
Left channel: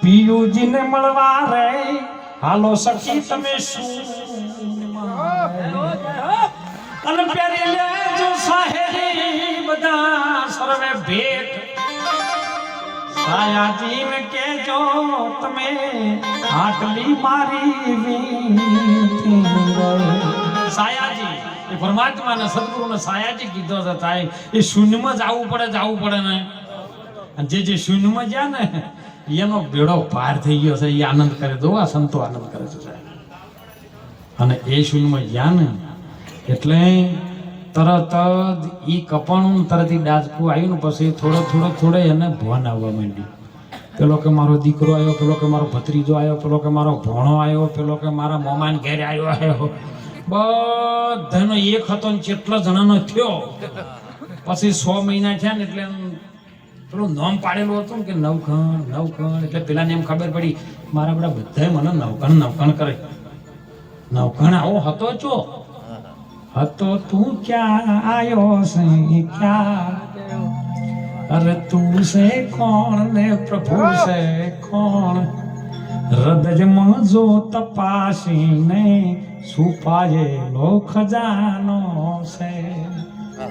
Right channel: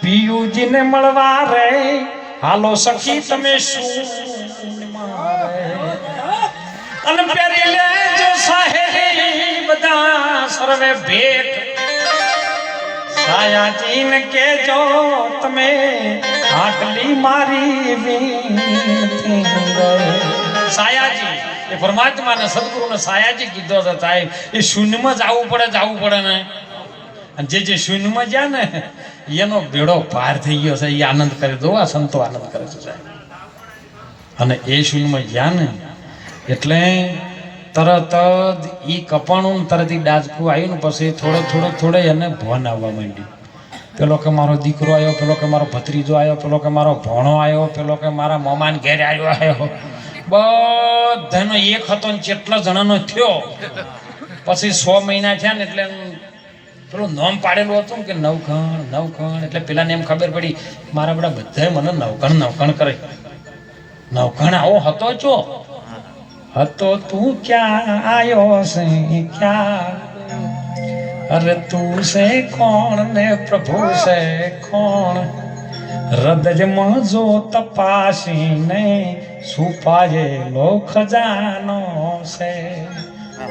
પિયુજીને મળવા રે હાલો સખી તમે શું અને પેરી લેજો સહેરી બધા સર્વે ભેટ. સાયાજીને કેજો તમે આટલી મારી વિનતી ગઈ. સાયાજી એ પરમાત્માને સદગુરુને સાયાજી કીધો છે સાહેબ. એ શૂન્યમાં જવું પડે ને અને જે શૂન્યમાં જ્યાં ને એનો બેડો પાર થઈ ગયો છે. એ આનંદ કરે દો, આ સંતો આનંદ કરે છે સાહેબ. અને એ શૂન્યમાં જ્યાં ને એટલે તરત જ ઈ કપાણું તરત ઈ ડાચકું આવ્યું ને પછી થોડે એને ભોન આવવા માંડ્યું. પેલો કે મારો દીકરો આવ્યો, પેલો કે મારો ભત્રીજો આવ્યો, પેલો કે મારો ભોણો આવ્યો, પેલો કે મારા મમાન ઘેર આવ્યો. બધાનો એક હતો ને કેટલા જણાનો થયો. પછી 100 મહિના થયા ને એટલે પેલું નામ પાડેલું હતું કે નવખણ એટલે પેલાને એમ ખબર પડી મારા બધા મને નવખણ કરે. નવખણ આવો હતો છો હતો તું ક્યાં આયો છે ક્યાં અરે તું છે કોણ ને પ્રભુ છે કોણ હૃદયમાં જો તપાસીને છુપાયેલો ખજાનો છે.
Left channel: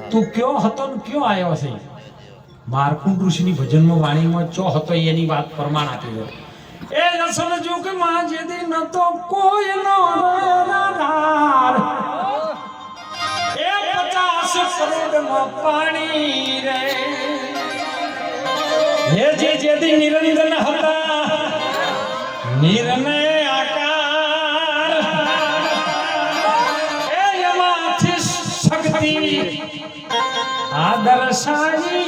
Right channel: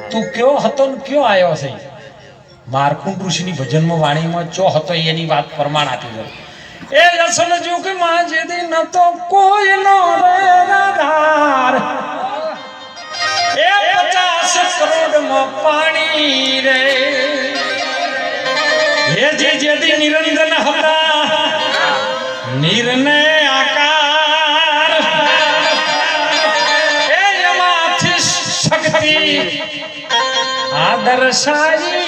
તું કયો હતો ને કયો આવ્યો છે. માર્કુંડ ઋષિની ભજનમાં વાણીમાં ચો હતો એની વાત પ્રમાણ આપી છે. એ રસલ જુગમાં જે દિન તો કોઈનો આધાર એ 50 કરોડમાં પાણી રે હે જે દી નિરંજન હતા નિર્ને આકાર એ એમાંથી શક્તિ આદર્શાઈ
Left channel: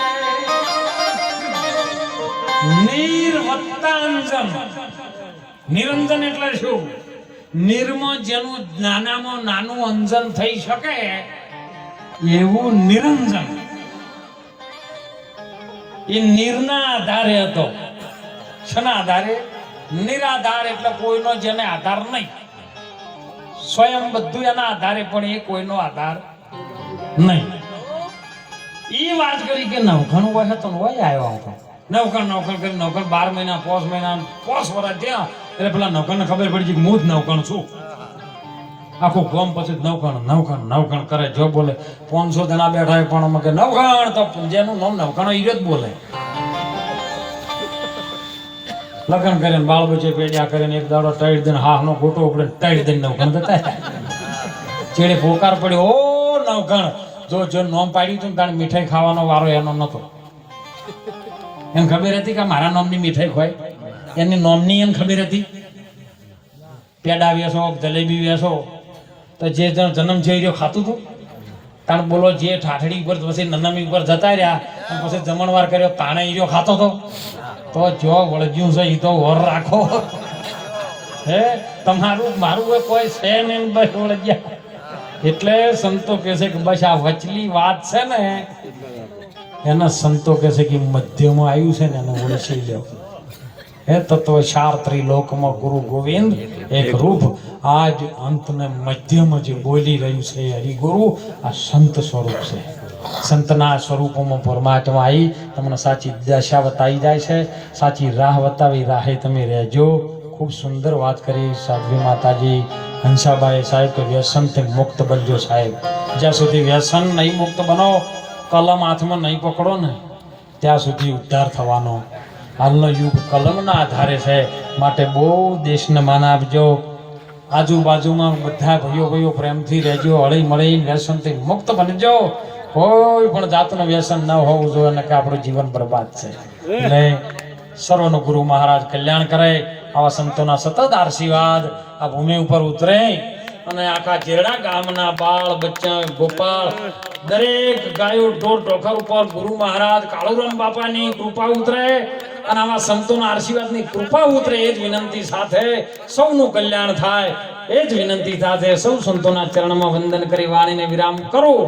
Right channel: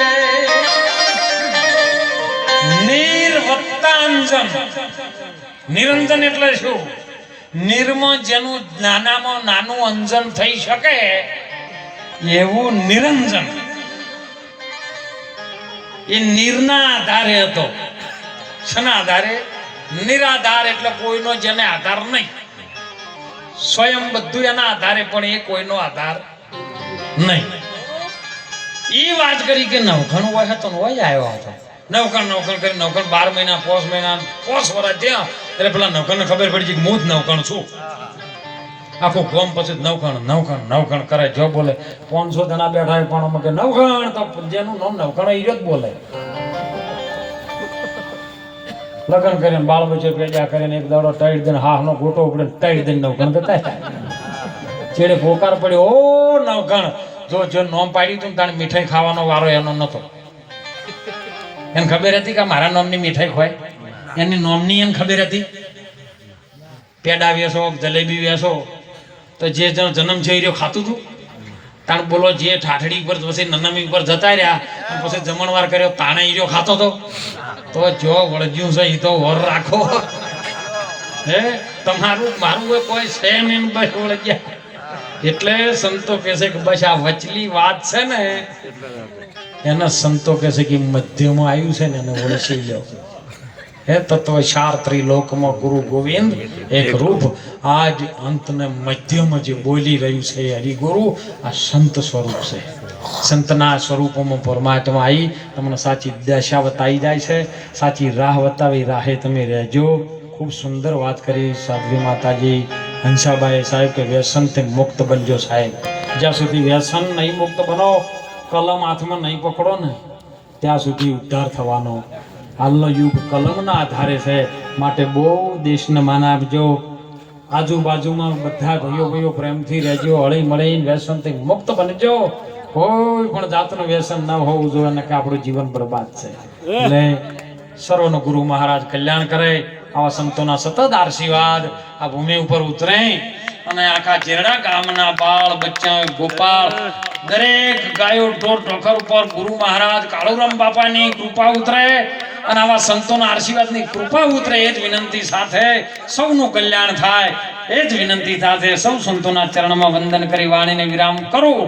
રે નિર્વત્તાંજન. નિરંજન એટલે શું? નિર્માં જેનું નાનામાં નાનું અંજન થઈ શકે એવું નિરંજન. એ નિરના આધારે હતો. શના આધારે? નિરાધાર એટલે કોઈનો જેને આધાર નહીં. સ્વયં બધું એના આધારે પણ એ કોઈનો આધાર નહીં. એ વાત કરી કે નવખણ હોય તો હોય આવ્યો હતો. નવખણ કરી નવખણ 12 મહિના 5 મહિના 5 વર્ષ થયા એટલે પેલા નવખણને ખબર પડી છે કે હું જ નવખણ છું. આખું ગોમ પછી નવખણ કરે. જો બોલે 500 જણા બેઠા હોય પણ અમે કે નવખણ તો જેનું નામ નવખણ એ જ બોલે. લગ્ન કરીને બાળ બચ્ચો પેડ્યા કરીને એક દાડો ટાઈટ દઈને હાહનો ગોટો ઉપડે ટાઈટ દઈને નવખણ થતા ચેડે પોકાર પડ્યો ઓ નવખણ. જો નોમ પાડ્યું હતું તાણે મીઠાઈ ખાવાનો વારો એનો નતો. એને ખબર હતી કે મારા નામની મીઠાઈ ખવાય. એની નોમની એને ખબર હતી. પેડા વેસો જલેબી વેસો તો જે જન્મ જઈ રહ્યો ખાતું હતું. તાણ બોલો જે ઠાઠડી ઉપર પછી નનમી ઉપર જતા રહ્યા પછી જમણવાર કર્યો તાણે ઈર્યો ખાતો હતો. તો જો વળગ્યું છે એ તો વર રાખો. હે તમારું મારું કોઈ સેમ એમ બસ વળગ્યા. એટલે સંતો કહે છે કે બસ આ વચલી વાત છે ને એના સંતો કહે છે કે મધ્યમાં આવ્યું છે ને એને ઓળખી લો. હે તત્વ ચાર ત્રિલોકમાં ગુરુ ગોવિંદ એક રૂપ. આજ અંતને મધ્યમાં જે બોલી રહ્યું છે હરિગુરુ આ સંત સ્વરૂપ છે. સંતના સ્વરૂપોમાં પરમાત્મા આવી તમને સાચી દશા બતાવી જાય છે. સાચી રાહ બતાવી રાહે તમે રહેજો. ખૂબ સુંદર વાત કરી સાધ્વી માતાજી હંસાબાઈ સાહેબ કે વ્યસનથી મુક્ત બનજો સાહેબ. જ્યાં સુધી વ્યસન નહીં મુક્ત બનો કલમ હાથમાં નહીં પકડો ને ત્યાં સુધી ઉદ્ધાર થવાનો. હાલનો યુગ કલમના આધારે છે. માટે બહુ દેશને માન આપજો. આજુબાજુમાં બધા ભાઈઓ પ્રેમથી રહેજો. હળી મળી વ્યસનથી મુક્ત બનજો. કોઈ પણ જાતનું વ્યસન ન હોવું જોઈએ ને કે આપણું જીવન બરબાદ છે. એટલે સર્વનો ગુરુ મહારાજ કલ્યાણ કરે. આવા સંતોના સતત આશીર્વાદ આ ભૂમિ ઉપર ઉતરે અને આખા જેરડા ગામના બાળ બચ્ચા ગોપાળ દરેક ગાયો ઢોર ઢોકર ઉપર ગુરુ મહારાજ કાળુરામ બાપાની કૃપા ઉતરે અને આવા સંતોના આશીર્વાદની કૃપા ઉતરે. એ જ વિનંતી સાથે સૌનું કલ્યાણ થાય એ જ વિનંતી સાથે સૌ સંતોના ચરણમાં વંદન કરી વાણીને વિરામ કરું.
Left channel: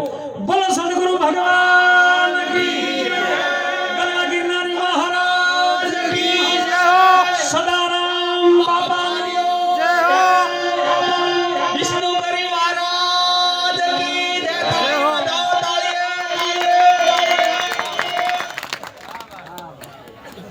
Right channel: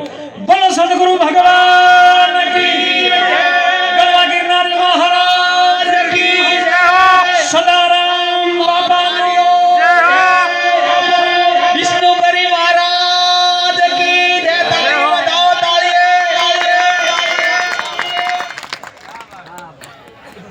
બોલો સદગુરુ ભગવાન કી જય.